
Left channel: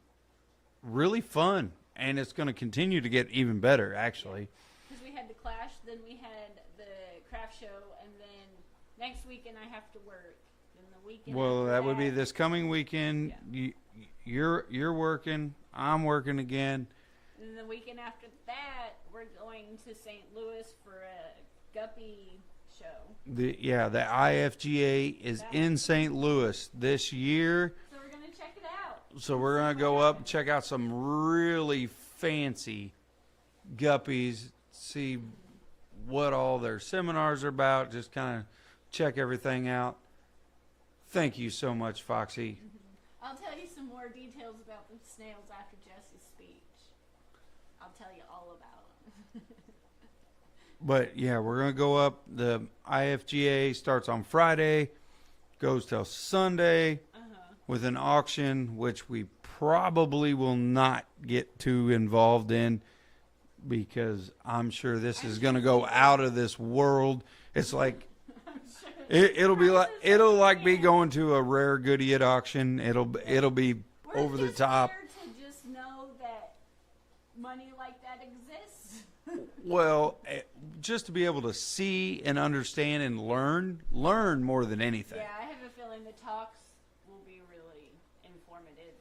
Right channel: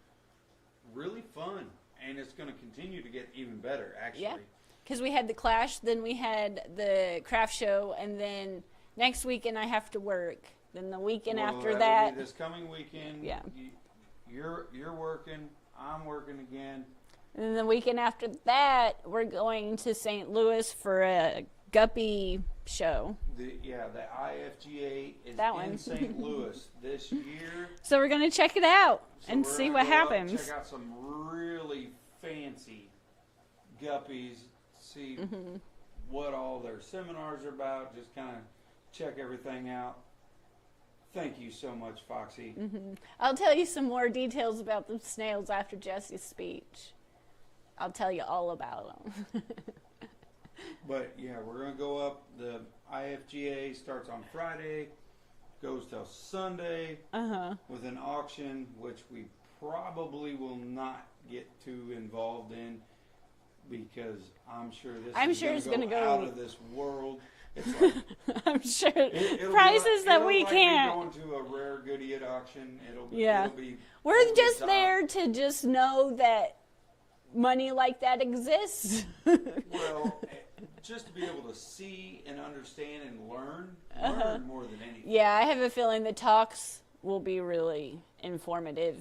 really fun, and it's going to continue to get even better, actually. Because we had the Clash, then we had the craft show, and then next weekend I have to work. Then the weekend Well, after that that, would be this coming weekend. Yeah. You're working. I'm working again. and then the weekend after that, we're going to St. Louis for a guppy show. The IFGA is That in one. St. Louis this year. So we're going to check it out So and we're see going to what go happens. up and check out some really fancy guppies, see what all their seminars are about, just kind of check everything out. Thank you so much, Foxy. I'll tell you some more details about the snails after Jesse's speech. I'll tell you all about them. But yeah, we're going to go up. The IFGA starts on Friday, goes till Sunday with an auction, which we probably will not get too involved in because I'm sure this I'm is sure going to it's go gonna go- out of this world. It's like I'm sure it'll be prices like that it'll we like me can't. going to a rare goodie at auction. It'll Yeah. be We're over just the top. there to just know that money like that exists. Well, just to be able to see and understand and learn more than anything. Yeah, I have a feeling the talks will be really informative.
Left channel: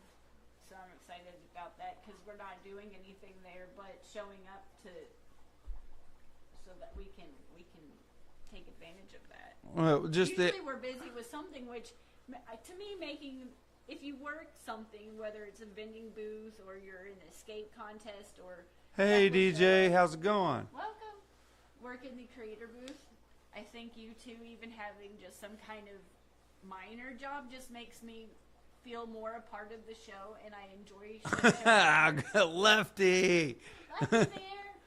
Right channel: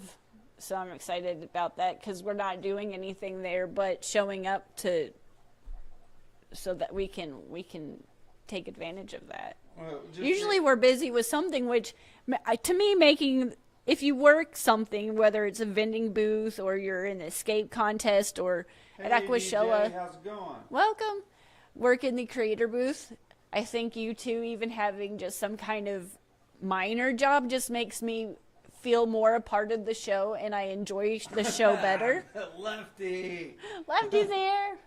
So I'm excited about that because we're not doing anything there but showing up to so that we can take advantage of that. Well, just Usually we're busy with something which to me making if you work something, whether it's a vending booth or you're in an escape contest or hey Aquashoa, DJ, how's it going? welcome. Work in the creator booth. I think you two even having just some kind of minor job just makes me feel more a part of the show and I enjoy the show better. Lefty, Lefty's here.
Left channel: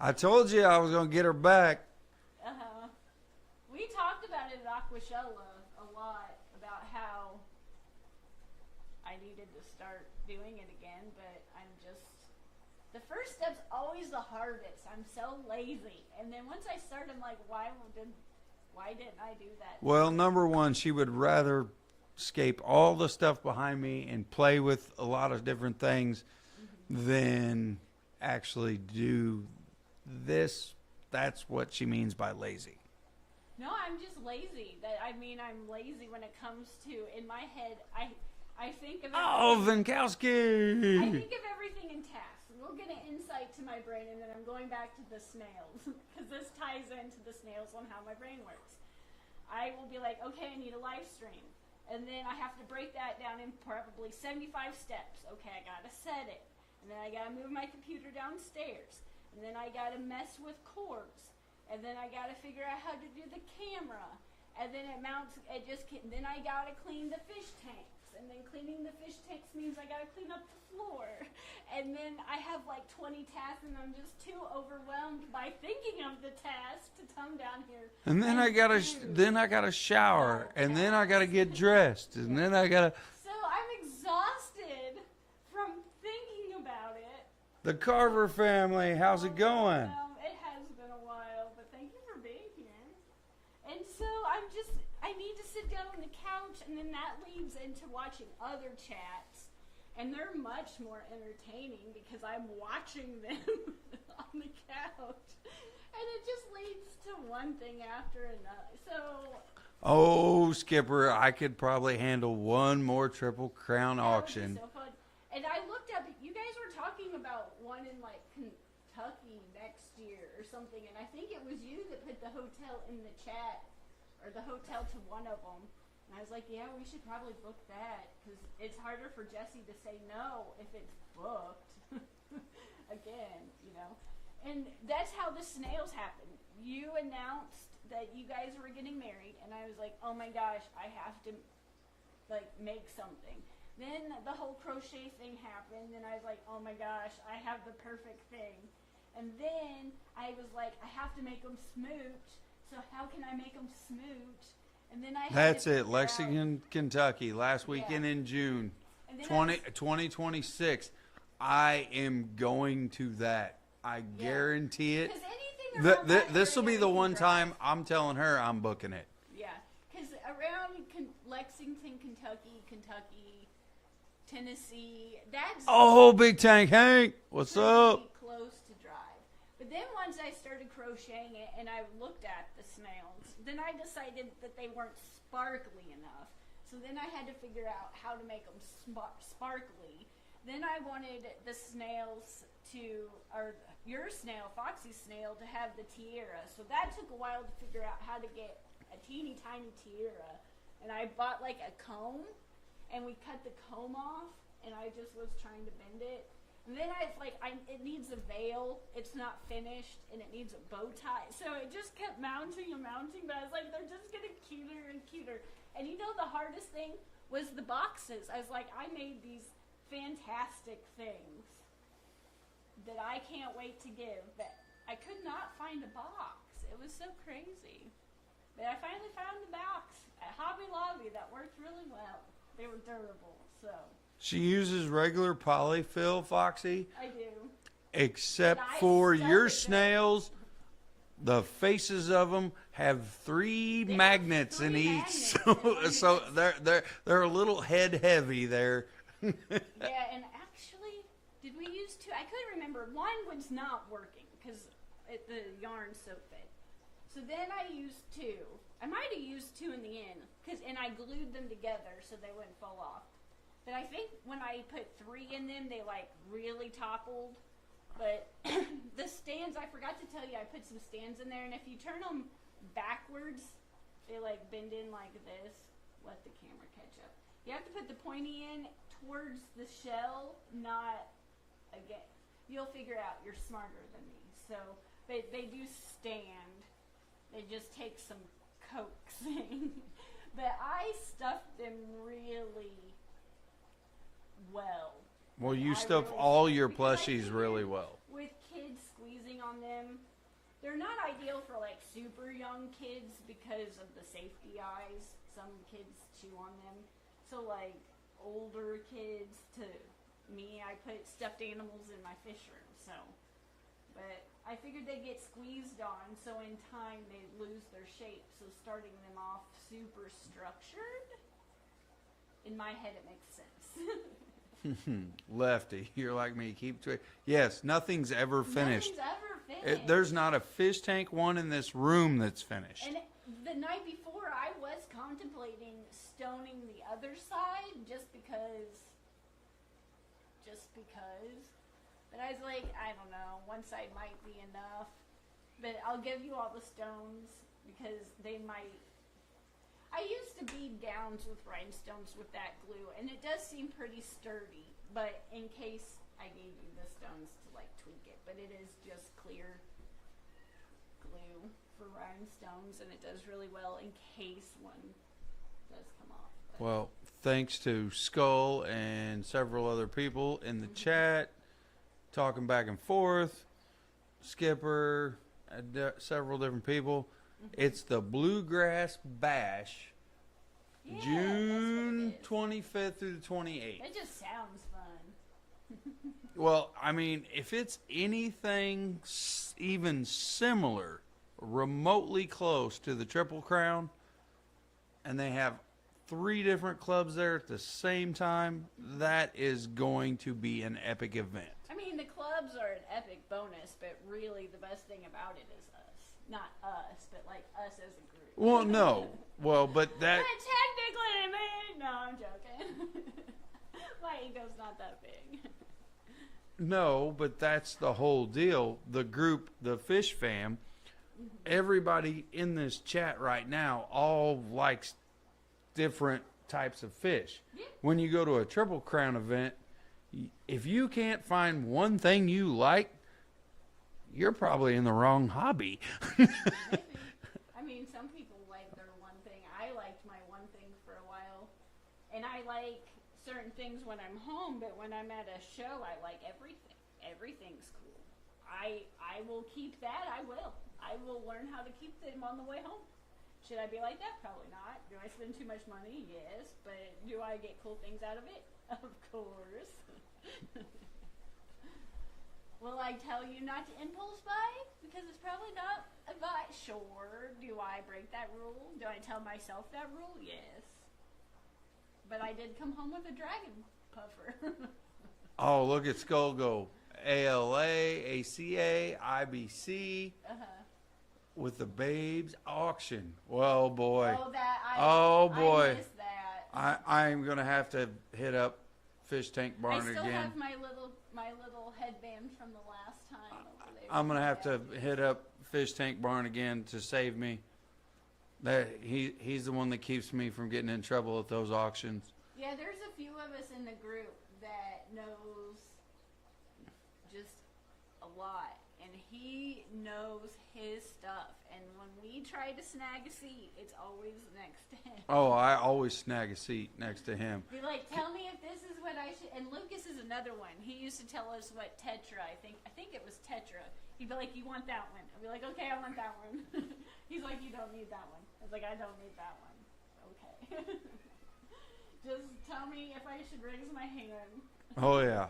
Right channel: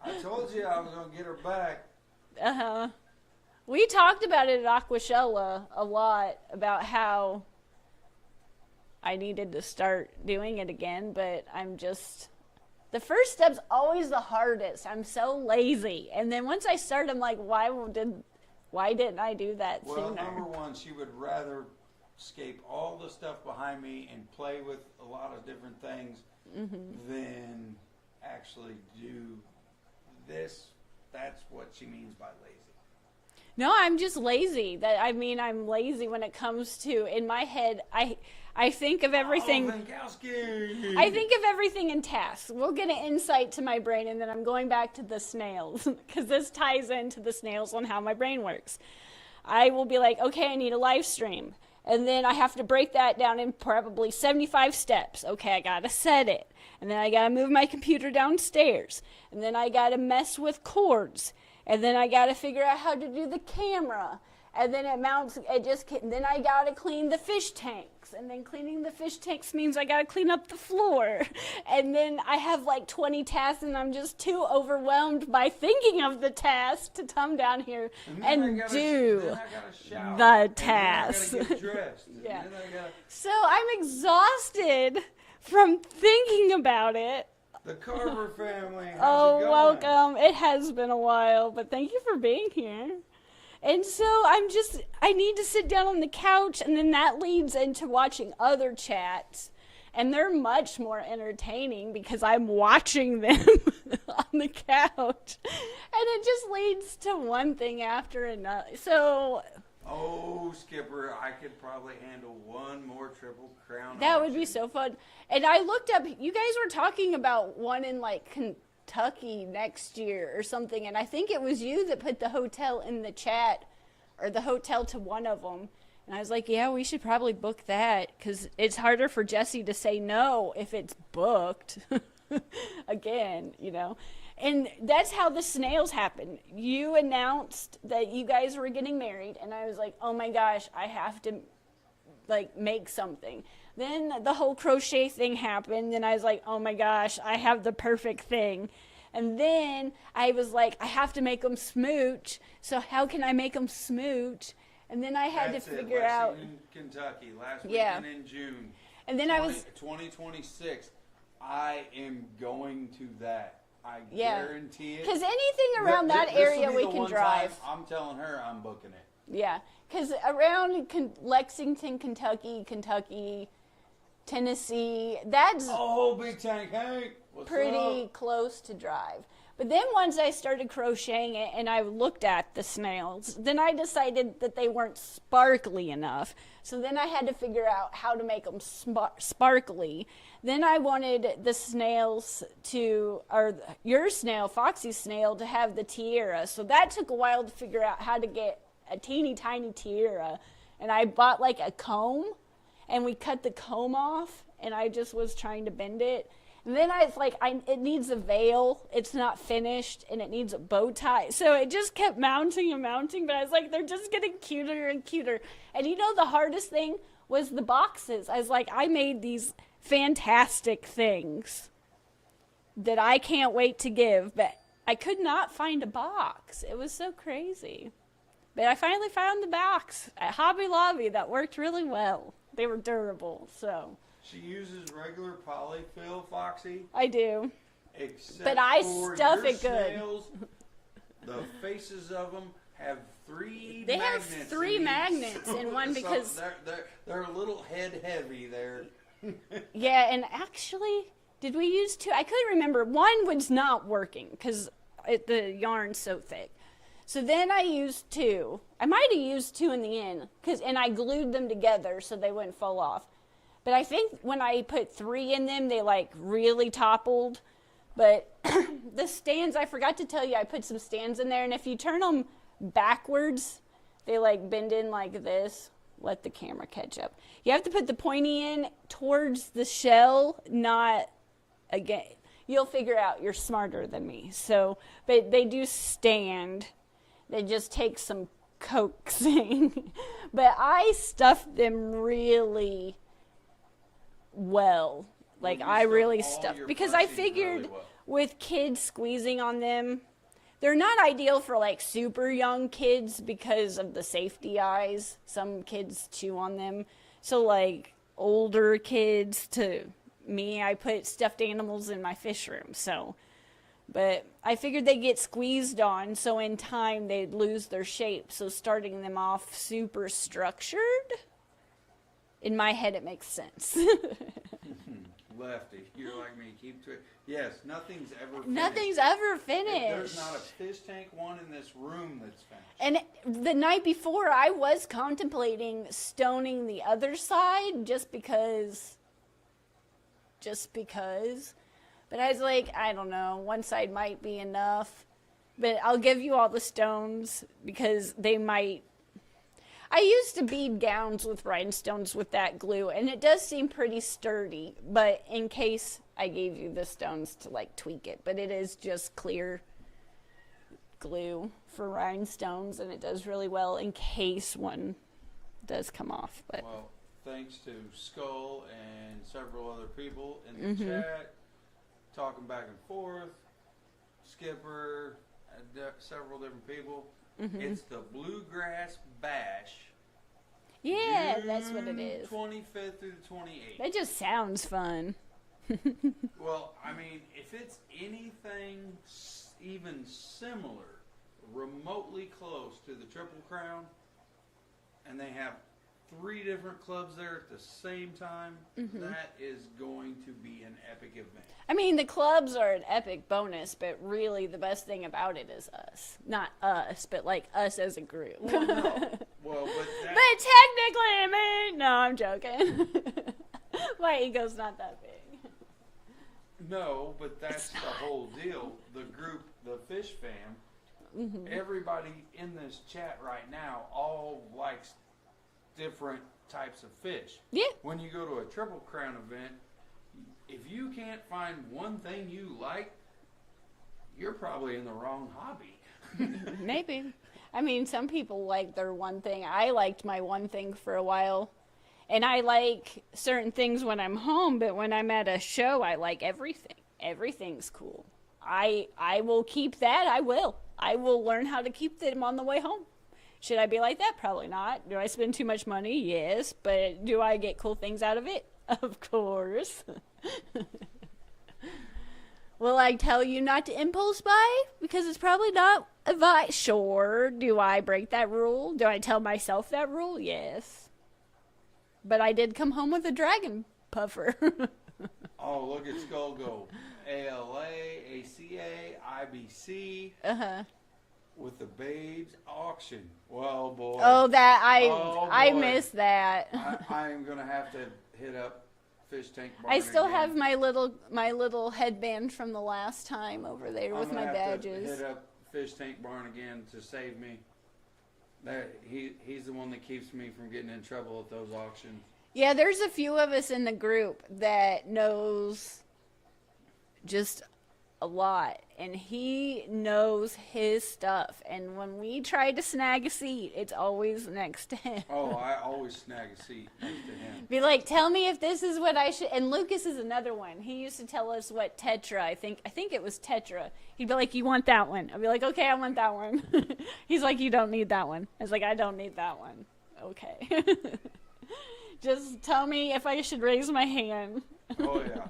I told you I was gonna get her back. We talked about it at Aquashoa a lot about how I needed to start doing it again, but I'm just the first step's always the hardest. I'm so lazy, and then once I start, I'm like, why didn't I do that? Well, sooner? number one, she would rather escape all the stuff behind me and play with a lot of different things than actually do this. That's what she means by lazy. No, I'm just lazy. I'm lazy when it comes to in my head. I I think of everything. Oh, Vinkowski! I think of everything in tasks. We'll get an insight to my brain, and then I'm going back to the snails because this ties into the snails on how my brain works. I will be like, okay, I need a live stream. And then I have to break that down in probably 75 steps. Okay, I gotta set it. And then I gotta move my computer downstairs. And then I gotta mess with cords. And then I gotta figure out how to do the camera. And then then I gotta clean the fish tanks. And then cleaning the fish tanks means I gotta clean up the floor. And then I have like 20 tasks, and I'm just too overwhelmed by thinking of the task to come down here And then I gotta shower. the and then I gotta task. get dressed. And Yeah. then I gotta. So I'm exhausted from thinking about it. The Carver family, how's it going? Welcome. It has been a while, but thank you for being here. And so I need to sit down on the couch, and then that leads into watching other chats. And they're much more entertaining because I'm watching them on the couch. And it just leads to one thing after another. So Oh, Skipper, I could probably handle one more Triple Crown that auction. would be so fun. And I looked up, you guys were talking about one in like Kentucky next year or something, and I think it was you that put the hotel in the chat, or the hotel to one of them. And I was like, yeah, we should probably book that, because it's harder for Jesse to say no if it's booked. Again, you know. And that's how the snails happened. You announced that you guys were getting married, and I was like, oh my gosh, I have to like make something. Then the whole crochet thing happened, and I was like, oh my gosh, I have the perfect thing. And then I was like, I have to make them smooch. So how can I make them smooch? And then I had That's to it, figure out. Lexington, Kentucky, last Yeah. weekend in June. And then 2026. I am going to that. I Yeah. guarantee it. because anything around that area This will be we the can one drive. time I'm telling her I'm booking it. Yeah, because around Lexington, Kentucky, Tennessee, that's Oh, Big Tank Hank, what's pretty up? close to drive. But then once I started crocheting it and I looked at the snails, then I decided that they weren't sparkly enough. So then I had to figure out how to make them sparkly. Then I wanted the snails or your snail, Foxy's snail, to have the tiara. So that took a while to figure out how to get a teeny tiny tiara. And I bought like a comb, and we cut the comb off, and I just was trying to bend it. And then I was like, it needs a veil. It's not finished, and it needs a bow tie. So it just kept mounting and mounting, but I was like, they're just getting cuter and cuter. And you know, the hardest thing was the boxes. I was like, I made these fantastic things that I can't wait to give, but I could not find a box. It was so crazy. But I finally found the box at Hobby Lobby that worked really well. They were durable, so She uses regular polyfill, Foxy, I do. except But I for stuff your it good. snails. The faces of them have three They have magnets three in each, magnets so, in one so because- they're a little head heavy there. Yeah, and actually, did we use two? I couldn't remember. One was not working because the yarn's so thick. So then I used two. I might have used two in the end, and I glued them together so they wouldn't fall off. But I think when I put three in them, they like really toppled. But the stands, I forgot to tell you, I put some stands in there, and if you turn them backwards, they like bend in like this. Let the camera catch up. You have to put the pointy in towards the shell, not again. You'll figure out, you're smarter than me. So, but they do stand. They just take some coaxing. But I stuffed them really well. Like you I stuff really all stuffed, your because I plushies figured really well. with kids squeezing on them, they're not ideal for like super young kids because of the safety eyes. Some kids chew on them. So like older kids to me, I put stuffed animals in my fish room. So, but I figured they'd get squeezed on, so in time they'd lose their shape. So starting them off super structured, in my head it makes sense. lefty. You're like me. Keep yes, nothing's ever finished. Nothing's ever finished. There's not a fish tank one in this room that's finished. And the night before, I was contemplating stoning the other side just because. But I was like, I don't know, one side might be enough. But I'll give you all the stones because they might. I used to bead gowns with rhinestones with that glue, and it does seem pretty sturdy. But in case I gave you the stones to like tweak it, but it is just clear glue for rhinestones, and it does really well in case one does come off. But Well, thanks to Skull and several other people in the chat, talking back and forth, Skipper, several different people. It's the Bluegrass Bash. yeah, that's what it is. 25th through the 28th. That just sounds fun. Well, I mean, if it's anything even similar, remotely close to the Triple Crown, and they have 3 different clubs there at the same time, that is going to be an epic event. I mean, the clubs are an epic bonus, but really the best thing about it is us. Not us, but like us as a group. Well, no. Well, but that... But technically, no, I'm joking. My ego's not that big. No, but that's the whole deal. The group, the Fish Fam, everybody in this chat right now all likes different types of fish. Yeah. When you go to a Triple Crown event, if you can't find one thing you like, you're probably in the wrong hobby. Maybe. I mean, some people like their one thing. I liked my one thing for a while. And I like certain things when I'm home, but when I'm at a show, I like everything. Everything's cool. I will keep that. I will. I will learn how to keep them on the way home. Should I be like that? Probably not. Do I spend too much money? Yes. But do I get cool things out of it? Of course. Will I tell you not to impulse buy? Because it's probably not advice. Sure. Do I break that rule? Do I tell myself that rule? Yes. But I did come home with a dragon puffer. Oh, look at Skull go. ALA, ACA, IBC. Uh-huh. With the Babes auction. Well, boy. Oh, that Oh, I boy. missed that. I'm going to have to hit up Fish Tank Barn I still again. have my little headband from the last time over there I'm with going my to have badges. to hit up Fish Tank Barn again to save me. That he's the one that keeps me from getting in trouble at those auctions. Yeah, there's a few of us in the group that knows just a lot, and he knows his stuff. And when we try to snag a seat, it's always next to him. Oh, I always snag a seat next to him. Be like, tell me if this is what I should. And Lucas is another one. He used to tell us what Tetra. I think it was Tetra. He'd be like, you want that one? I'd be like, okay, I want that one. He's like, you don't need that one. I was like, I don't need that one. Okay. Just tell me if I should raise my hand. Oh yeah.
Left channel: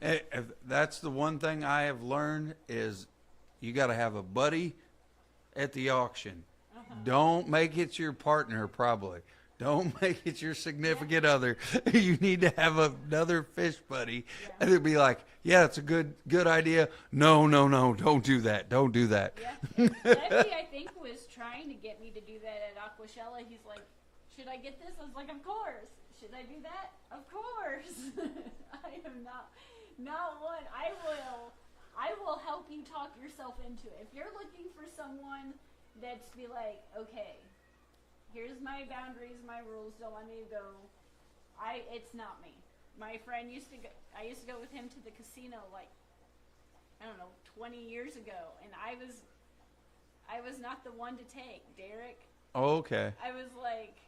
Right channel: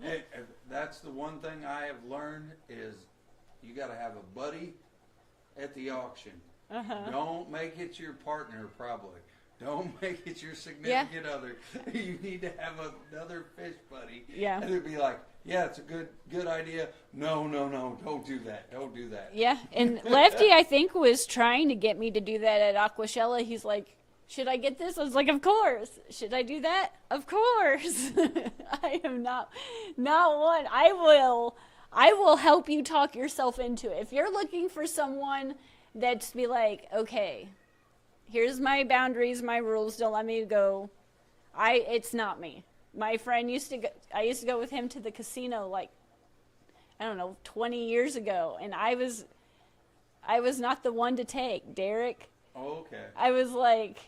If that's the one thing I have learned is you got to have a buddy at the auction. Don't make it your partner, probably. Don't make it your significant other. You need to have another fish buddy. Yeah. And it'd be like, yeah, it's a good idea. No, don't do that. Don't do that. Yeah, and Lefty, I think, was trying to get me to do that at Aquashella. He's like, should I get this? I was like, of course. Should I do that? Of course. I am not one. I will help you talk yourself into it. If you're looking for someone that's be like, okay, here's my boundaries, my rules, don't let me go. It's not me. My friend I used to go with him to the casino like, I don't know, 20 years ago, and I was not the one to take. Derek. Oh, okay. I was like,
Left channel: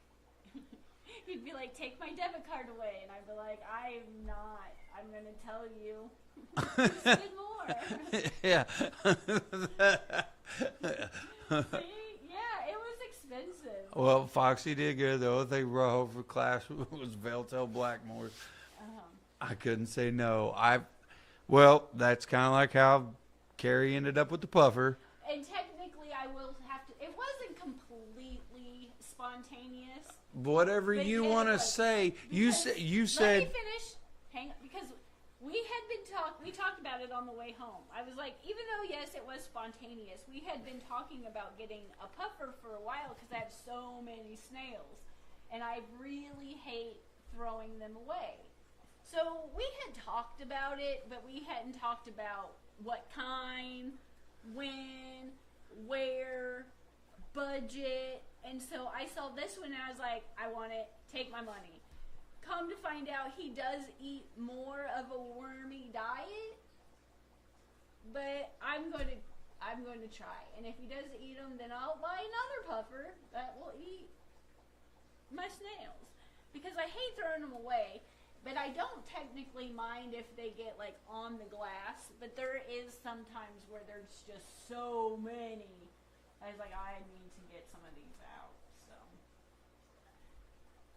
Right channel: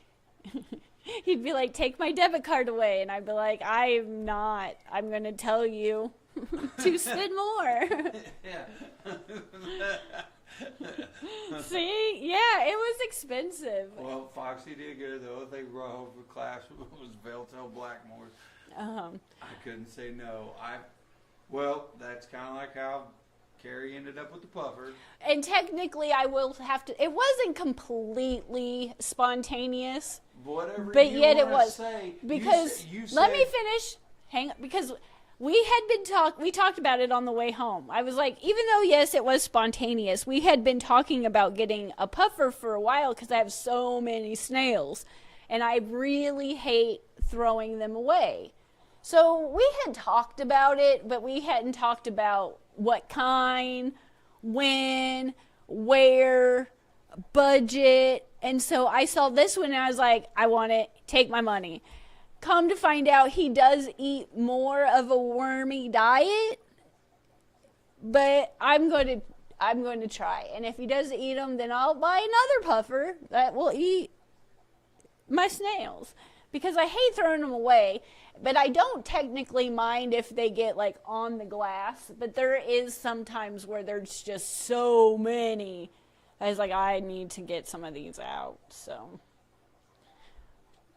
he'd be like, take my debit card away. And I'd be like, I'm not. I'm going to tell you to spend more. Yeah. See? Yeah, it was expensive. Well, Foxy did good. The only thing brought home for class was Veltel Blackmore. I couldn't say no. Well, that's kind of like how Carrie ended up with the puffer. And technically, I will have to. It wasn't completely spontaneous. Whatever but you yet want it to was. say. Because you let me said. finish. Hang on, because we talked about it on the way home. I was like, even though yes, it was spontaneous, we had been talking about getting a puffer for a while because I have so many snails, and I really hate throwing them away. So we had talked about it, but we hadn't talked about what kind, when, where, budget. And so I saw this one and I was like, I want it, take my money. Come to find out, he does eat more of a wormy diet, but I'm going to try. And if he does eat them, then I'll buy another puffer that will eat my snails, because I hate throwing them away. But I don't technically mind if they get like on the glass, but there is sometimes where there's just so many. I was like, I need to get some of these out. So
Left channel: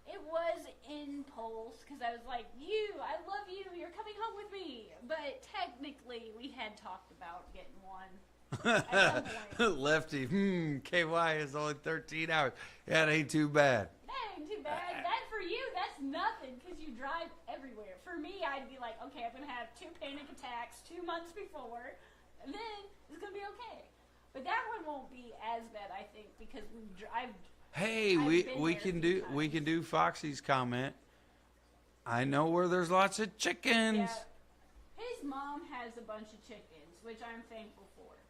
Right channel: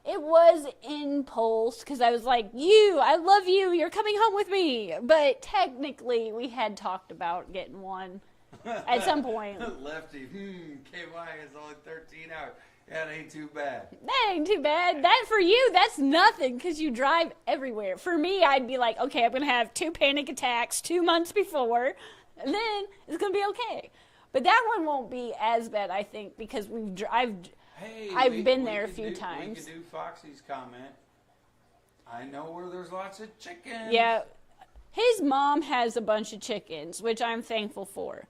it was impulse because I was like, I love you, you're coming home with me. But technically we had talked about getting one at some point. Lefty, KY is only 13 hours. Yeah, it ain't too bad. That ain't too bad. That for you, that's nothing because you drive everywhere. For me, I'd be like, okay, I'm going to have 2 panic attacks 2 months before, and then it's going to be okay. But that one won't be as bad, I think, because I've been there a few times. We can do Foxy's comment. I know where there's lots of chickens. Yeah. His mom has a bunch of chickens, which I'm thankful for.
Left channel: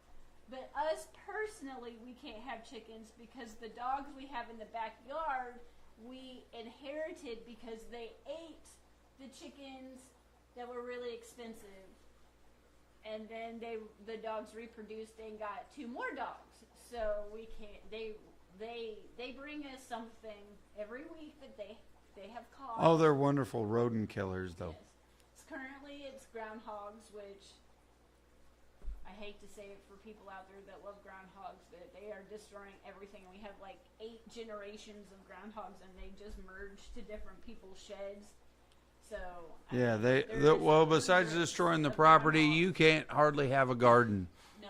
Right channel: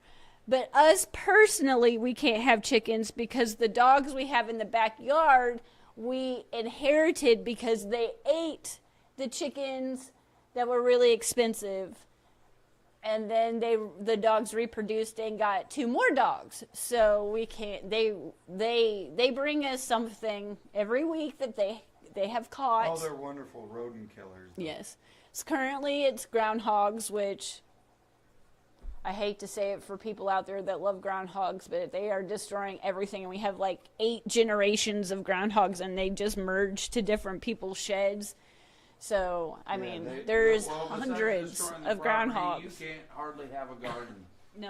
But us personally, we can't have chickens because the dogs we have in the backyard, we inherited because they ate the chickens that were really expensive. And then the dogs reproduced and got 2 more dogs. So we can't, they bring us something every week that they have caught. Oh, they're wonderful rodent killers, though. Yes. So currently it's groundhogs, which I hate to say it for people out there that love groundhogs, but they are destroying everything. And we have like 8 generations of groundhogs, and they just merge to different people's sheds. So, I mean, there's besides destroying the property, you can't hardly have a garden. No,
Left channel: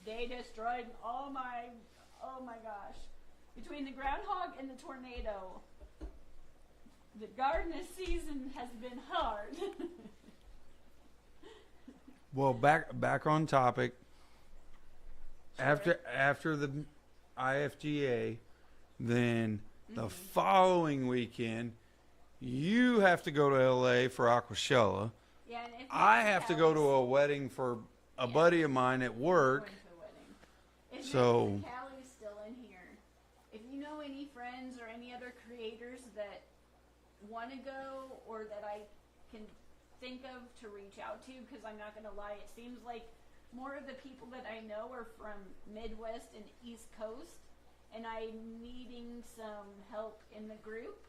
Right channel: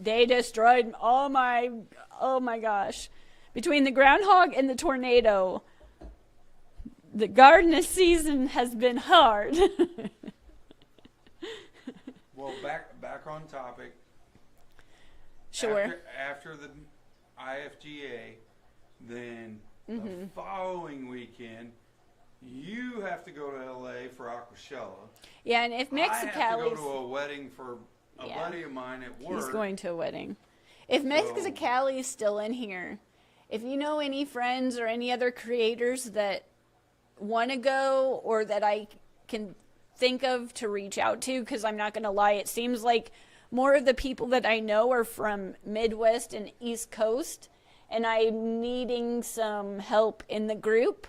they destroyed oh my gosh. Between the groundhog and the tornado, the garden season has been hard. Well, back on topic. Sure. After the IFGA, then the following weekend, you have to go to LA for Aquashella. Yeah, and if Mexicali, I have to go to a wedding for a buddy of mine at work. He's going to a wedding. If Mexicali is still in here, if you know any friends or any other creators that want to go or that I can think of to reach out to, because I'm not going to lie, it seems like more of the people that I know are from Midwest and East Coast, and I'm needing some help in the group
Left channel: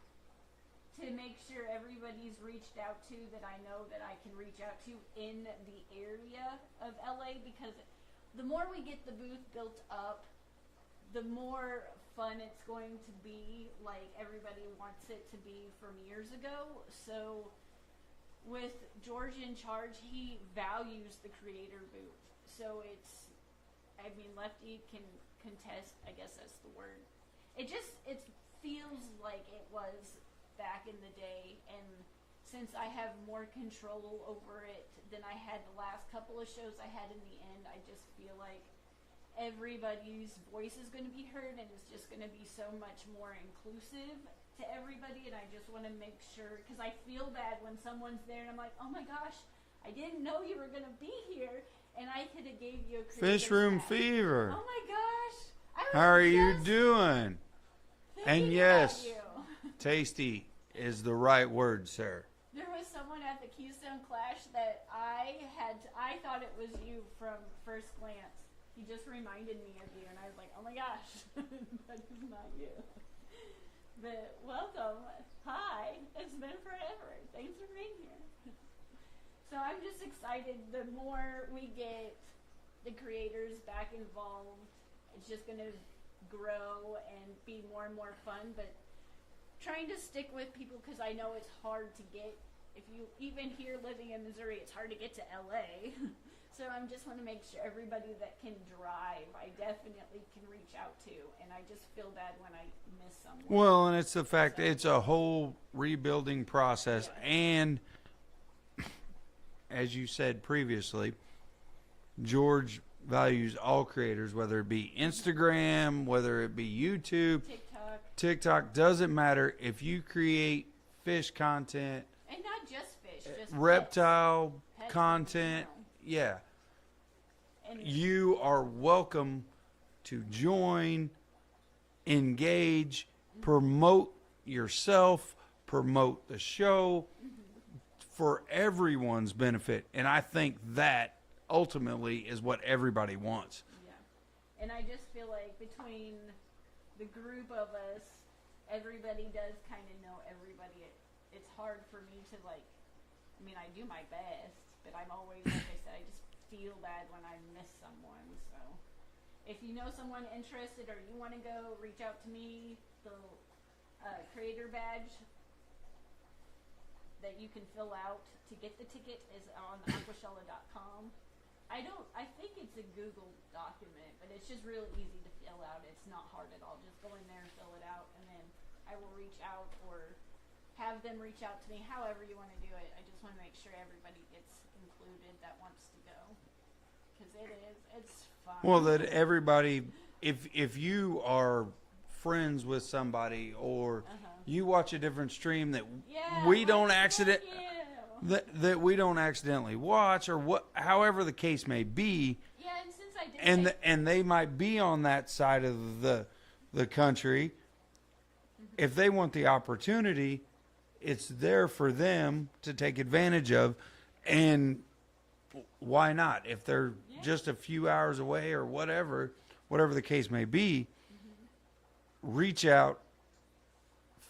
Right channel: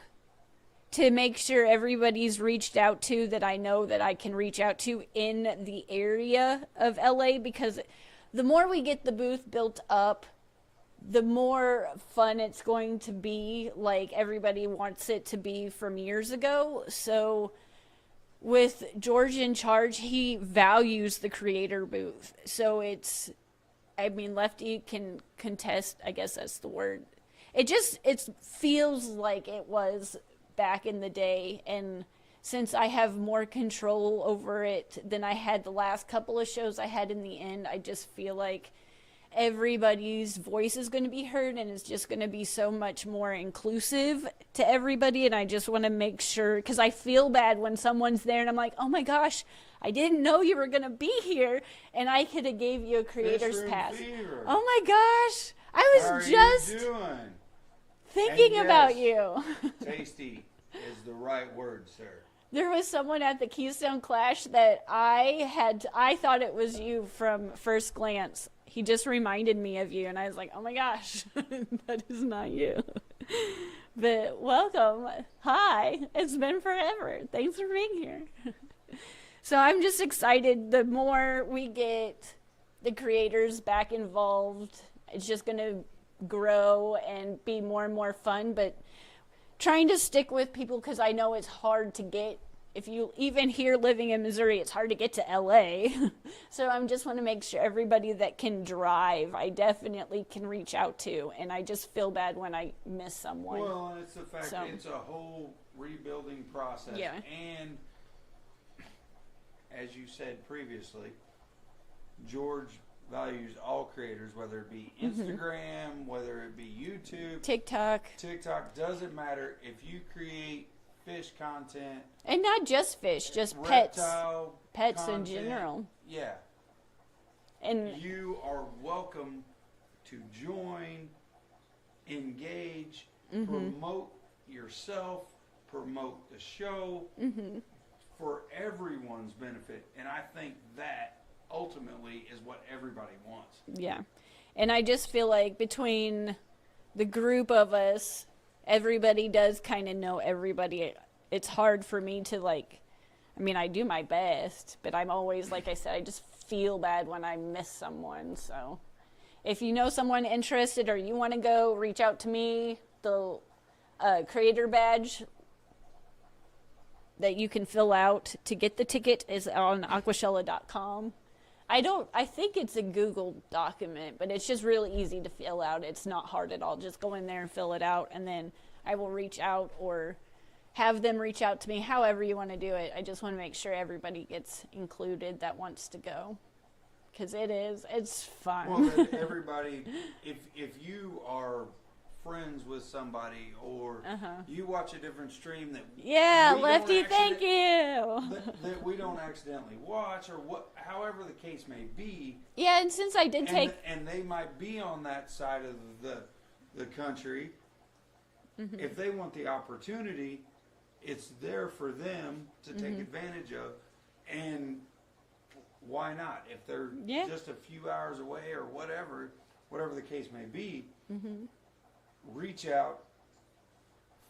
to make sure everybody's reached out to that I know that I can reach out to in the area of LA, because the more we get the booth built up, the more fun it's going to be, like everybody wants it to be from years ago. So with George in charge, he values the creator booth. So it's, I mean, Lefty can contest, I guess that's the word. It feels like it was back in the day, and since I have more control over it than I had the last couple of shows I had in the end, I just feel like everybody's voice is going to be heard, and it's just going to be so much more inclusive to everybody. And I just want to make sure, because I feel bad when someone's there and I'm like, oh my gosh, I didn't know you were going to be here, and I could have gave you a creator's Fish Room pass. Fever. Oh my gosh, I was How are just you doing? thinking about you. Tasty is the right word, sir. There was someone at the Keystone Clash that I thought it was you from first glance. He just reminded me of you, and I was like, oh my gosh, that is not you. But welcome. Hi. It's been forever. Thanks for being here. So I'm just excited. The more we get the creators back involved, it's just going to grow and be more and more fun. But trying to stick with people, because I know it's hard to get, if you even here living in Missouri, it's hard to get to LA. So I just want to make sure everybody that can drive, I definitely can reach out to, and I just feel bad when I miss someone. Well, and it's the fact that it's a whole rebuilding process, and as you said previously, George values all creators, whether it be Instagram, whether it be YouTube, TikTok, doesn't matter. If you create fish content, and not just fish, just reptile pets content, in general. yeah, And you are welcome to join, engage, promote yourself, promote the show for everyone's benefit. And I think that ultimately is what everybody wants. yeah, and I just feel like between the group of us, everybody does kind of know everybody. It's hard for me to I mean, I do my best, but I'm always, like I said, I just feel bad when I miss someone. So if you know someone interested or you want to go, reach out to me. The creator badge that you can fill out to get the ticket is on aquashella.com. I think it's a Google document, but it's just really easy to fill out. It's not hard at all. Just go in there and fill it out, and then I will reach out or have them reach out to me, however you want to do it. I just want to make sure everybody gets included that wants to go, because it's fun. Well, that everybody, if you are friends with somebody or you watch a different stream that we don't thank you. that we don't accidentally watch, or however the case may be. Yeah, and since I did and they might be on that side of the country, if they want the opportunity, it's there for them to take advantage of. And why not? If they're just a few hours away or whatever the case may be, reach out,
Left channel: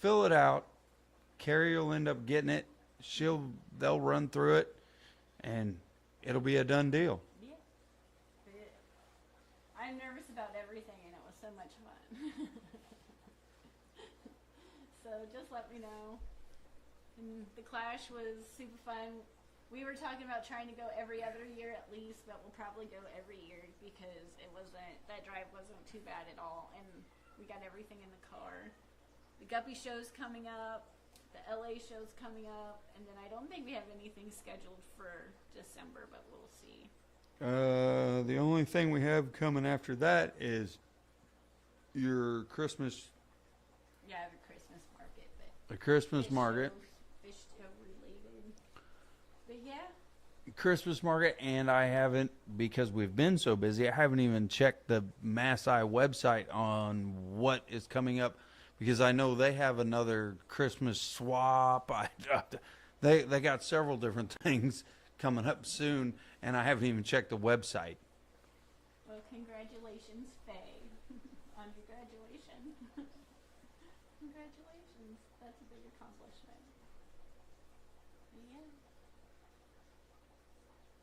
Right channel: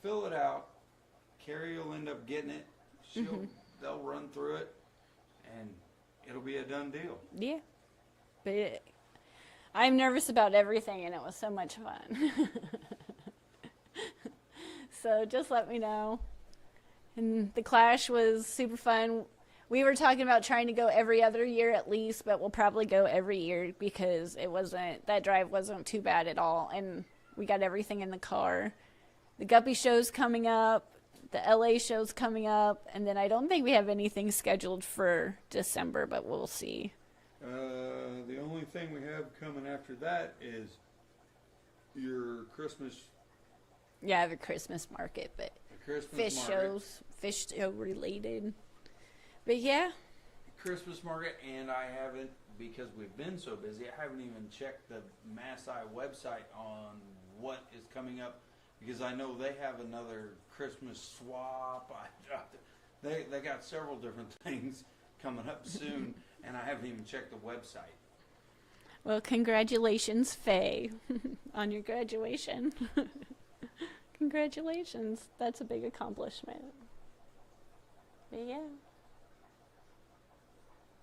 fill it out. Carrie will end up getting it. They'll run through it, and it'll be a done deal. Yeah, but I'm nervous about everything, and it was so much fun. So just let me know. And the Clash was super fun. We were talking about trying to go every other year at least, but we'll probably go every year because that drive wasn't too bad at all, and we got everything in the car. The Guppy show's coming up, the LA show's coming up, and then I don't think we have anything scheduled for December, but we'll see. The only thing we have coming after that is your Christmas. Yeah, I have a Christmas market, but The Christmas market. Fish show related. But yeah. Christmas market, and I haven't, because we've been so busy, I haven't even checked the Mass Eye website on what is coming up, because I know they have another Christmas swap. They got several different things coming up soon, and I haven't even checked the website. Well, congratulations, Faye, on your graduation. Congratulations. That's a big accomplishment. But yeah.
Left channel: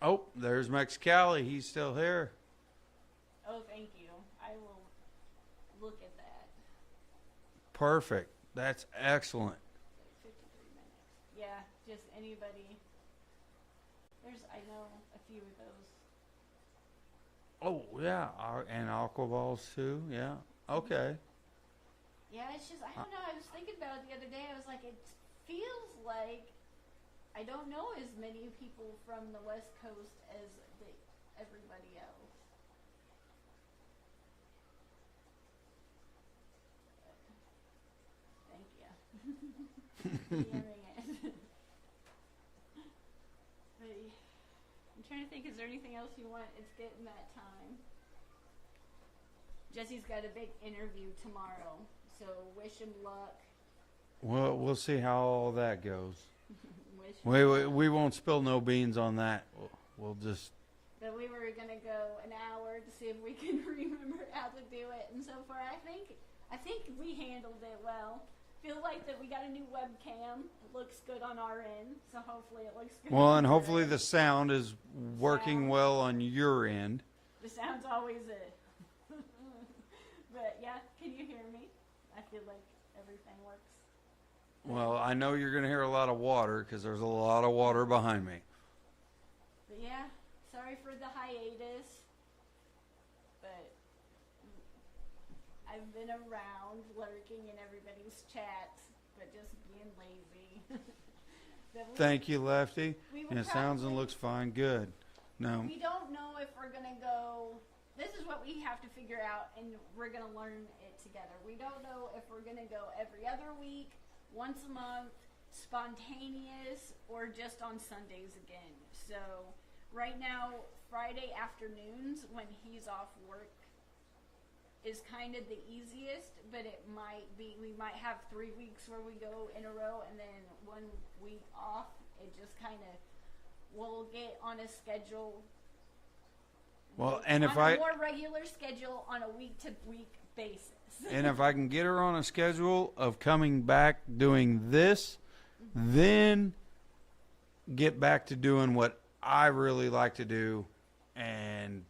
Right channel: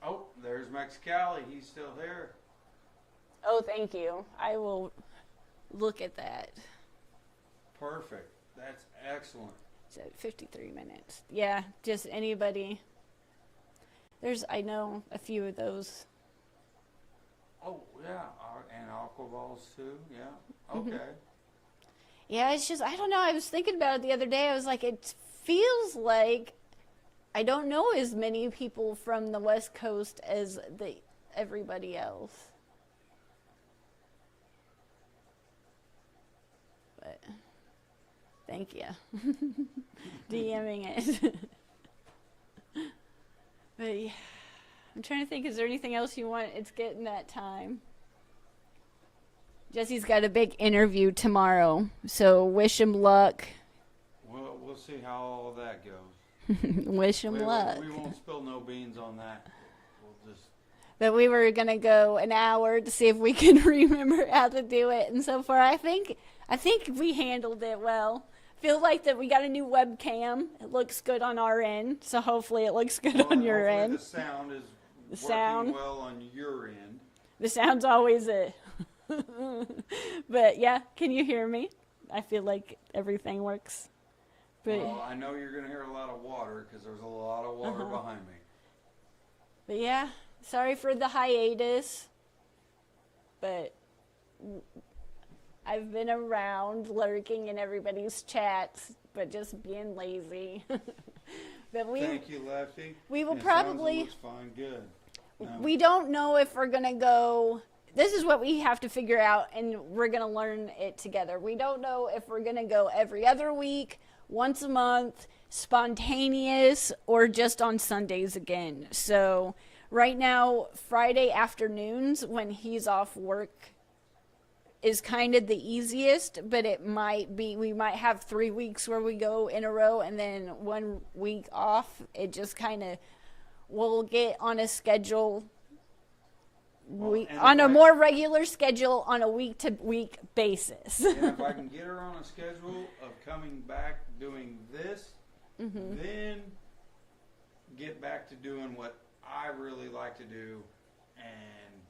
Oh, there's Mexicali. He's still here. Oh, thank you. I will look at that. Perfect. That's excellent. It's at 53 minutes. Yeah, just anybody. I know a few of those. Oh, yeah. And aqua balls, too. Yeah. Okay. Yeah, it's just, I don't know. I was thinking about it the other day. I was like, it feels like I don't know as many people from the West Coast as everybody else. But thank you. DMing it. But yeah, I'm trying to think, is there anything else you want? It's getting that time. Jesse's got a big interview tomorrow, so wish him luck. Well, we'll see how all that goes. Wish him luck. We won't spill no beans on that. We'll just... But we were going to go an hour to see if we can remember how to do it. And so far, I think we handled it well. Feel like that we got a new webcam. It looks good on our end, so hopefully it looks good on your end. Hopefully the sound is working well on your end. The sound's always it. But yeah, can you hear me? I feel like everything works. But, well, I know you're going to hear a lot of water because there's a lot of water behind me. But yeah, sorry for the hiatus. But I've been around lurking in everybody's chats, but just being lazy. But Thank you, Lefty. we will It probably. sounds and looks fine. Good. No. We don't know if we're going to go. This is what we have to figure out, and we're going to learn it together. We don't know if we're going to go every other week, once a month, spontaneous, or just on Sundays again. So, right now, Friday afternoons when he's off work is kind of the easiest, but it might be, we might have 3 weeks where we go in a row and then 1 week off. It just kind of, we'll get on a schedule, Well, and on if a I- more regular schedule on a week to week basis. And if I can get her on a schedule of coming back doing this, Mm-hmm. then get back to doing what I really like to do and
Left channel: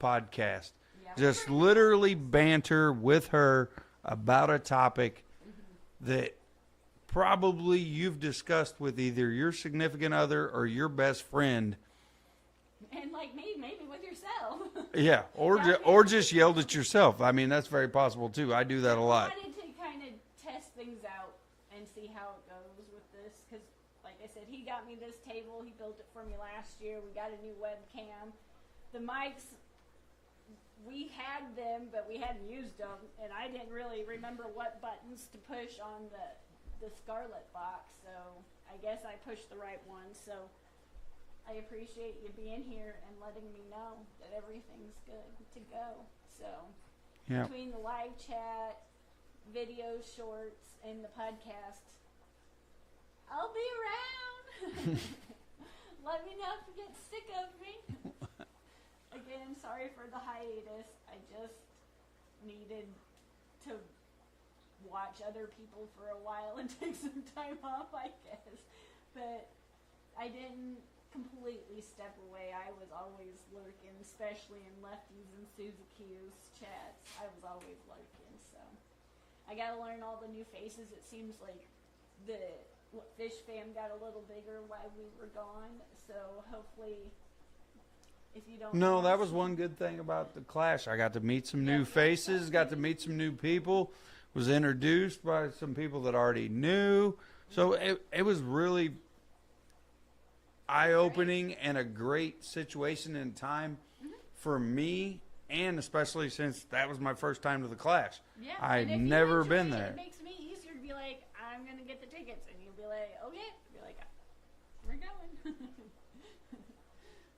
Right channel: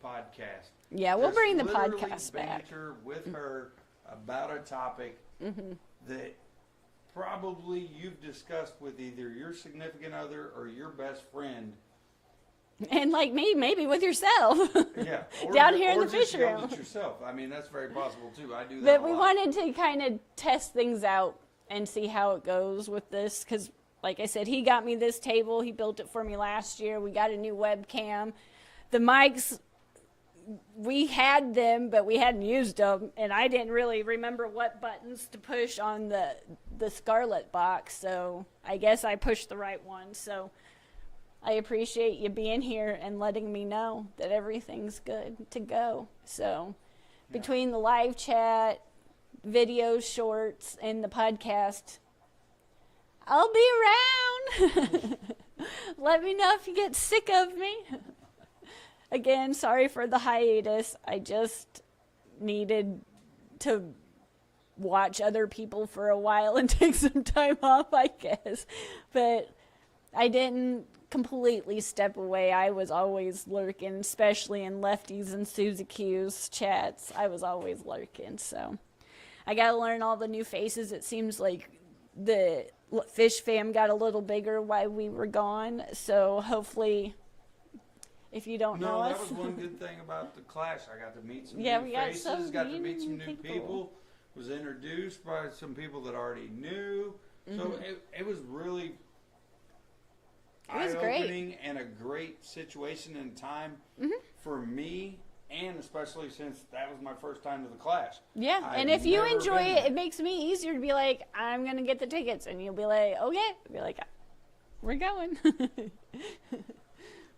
podcast. Yeah, we'll Just bring the literally podcast back. banter with her about a topic Mm-hmm. that probably you've discussed with either your significant other or your best friend. And like me, maybe with yourself. Yeah, or Down here in the just picture yelled room. at yourself. I mean, that's very possible too. I do that But a we lot. wanted to kind of test things out and see how it goes with this because, like I said, he got me this table. He built it for me last year. We got a new webcam. The mics, we had them, but we hadn't used them, and I didn't really remember what buttons to push on the Scarlett box, so I guess I pushed the right one. So I appreciate you being here and letting me know that everything's good to go. So Yeah. between the live chat, videos, shorts, and the podcast, I'll be around. Let me know if you get sick of me. Again, sorry for the hiatus. I just needed to watch other people for a while and take some time off, I guess. But I didn't completely step away. I was always lurking, especially in Lefty's and Susie Q's chats. I was always lurking, so I got to learn all the new faces. It seems like the Fish fam got a little bigger while we were gone, so hopefully, if you don't know No, that us- was one good thing about the class. I got to meet some Yeah, new we got faces, some got to meet some new people, was introduced by some people that I already knew. So it was really great. eye-opening and a great situation and time for me, and especially since that was my first time to the class. Yeah, I'd and if you never enjoy been it, there. it makes me easier to be like, I'm gonna get the tickets, and you'll be like, okay, I'll be like, we're going.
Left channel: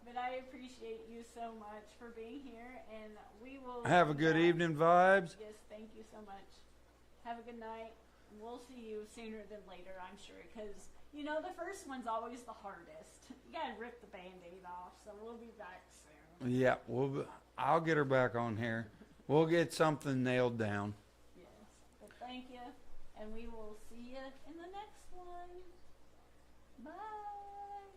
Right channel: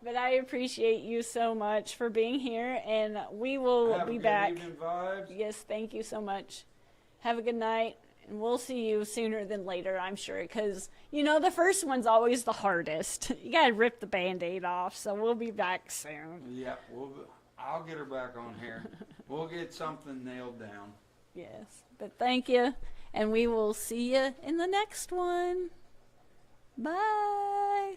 But I appreciate you so much for being here, and we will Have be a good back. evening vibes. Yes, thank you so much. Have a good night, and we'll see you sooner than later, I'm sure, because you know the first one's always the hardest. You gotta rip the Band-Aid off, so we'll be back soon. Yeah, I'll get her back on here. We'll get something nailed down. Yes, but thank you, and we will see you in the next one. Bye.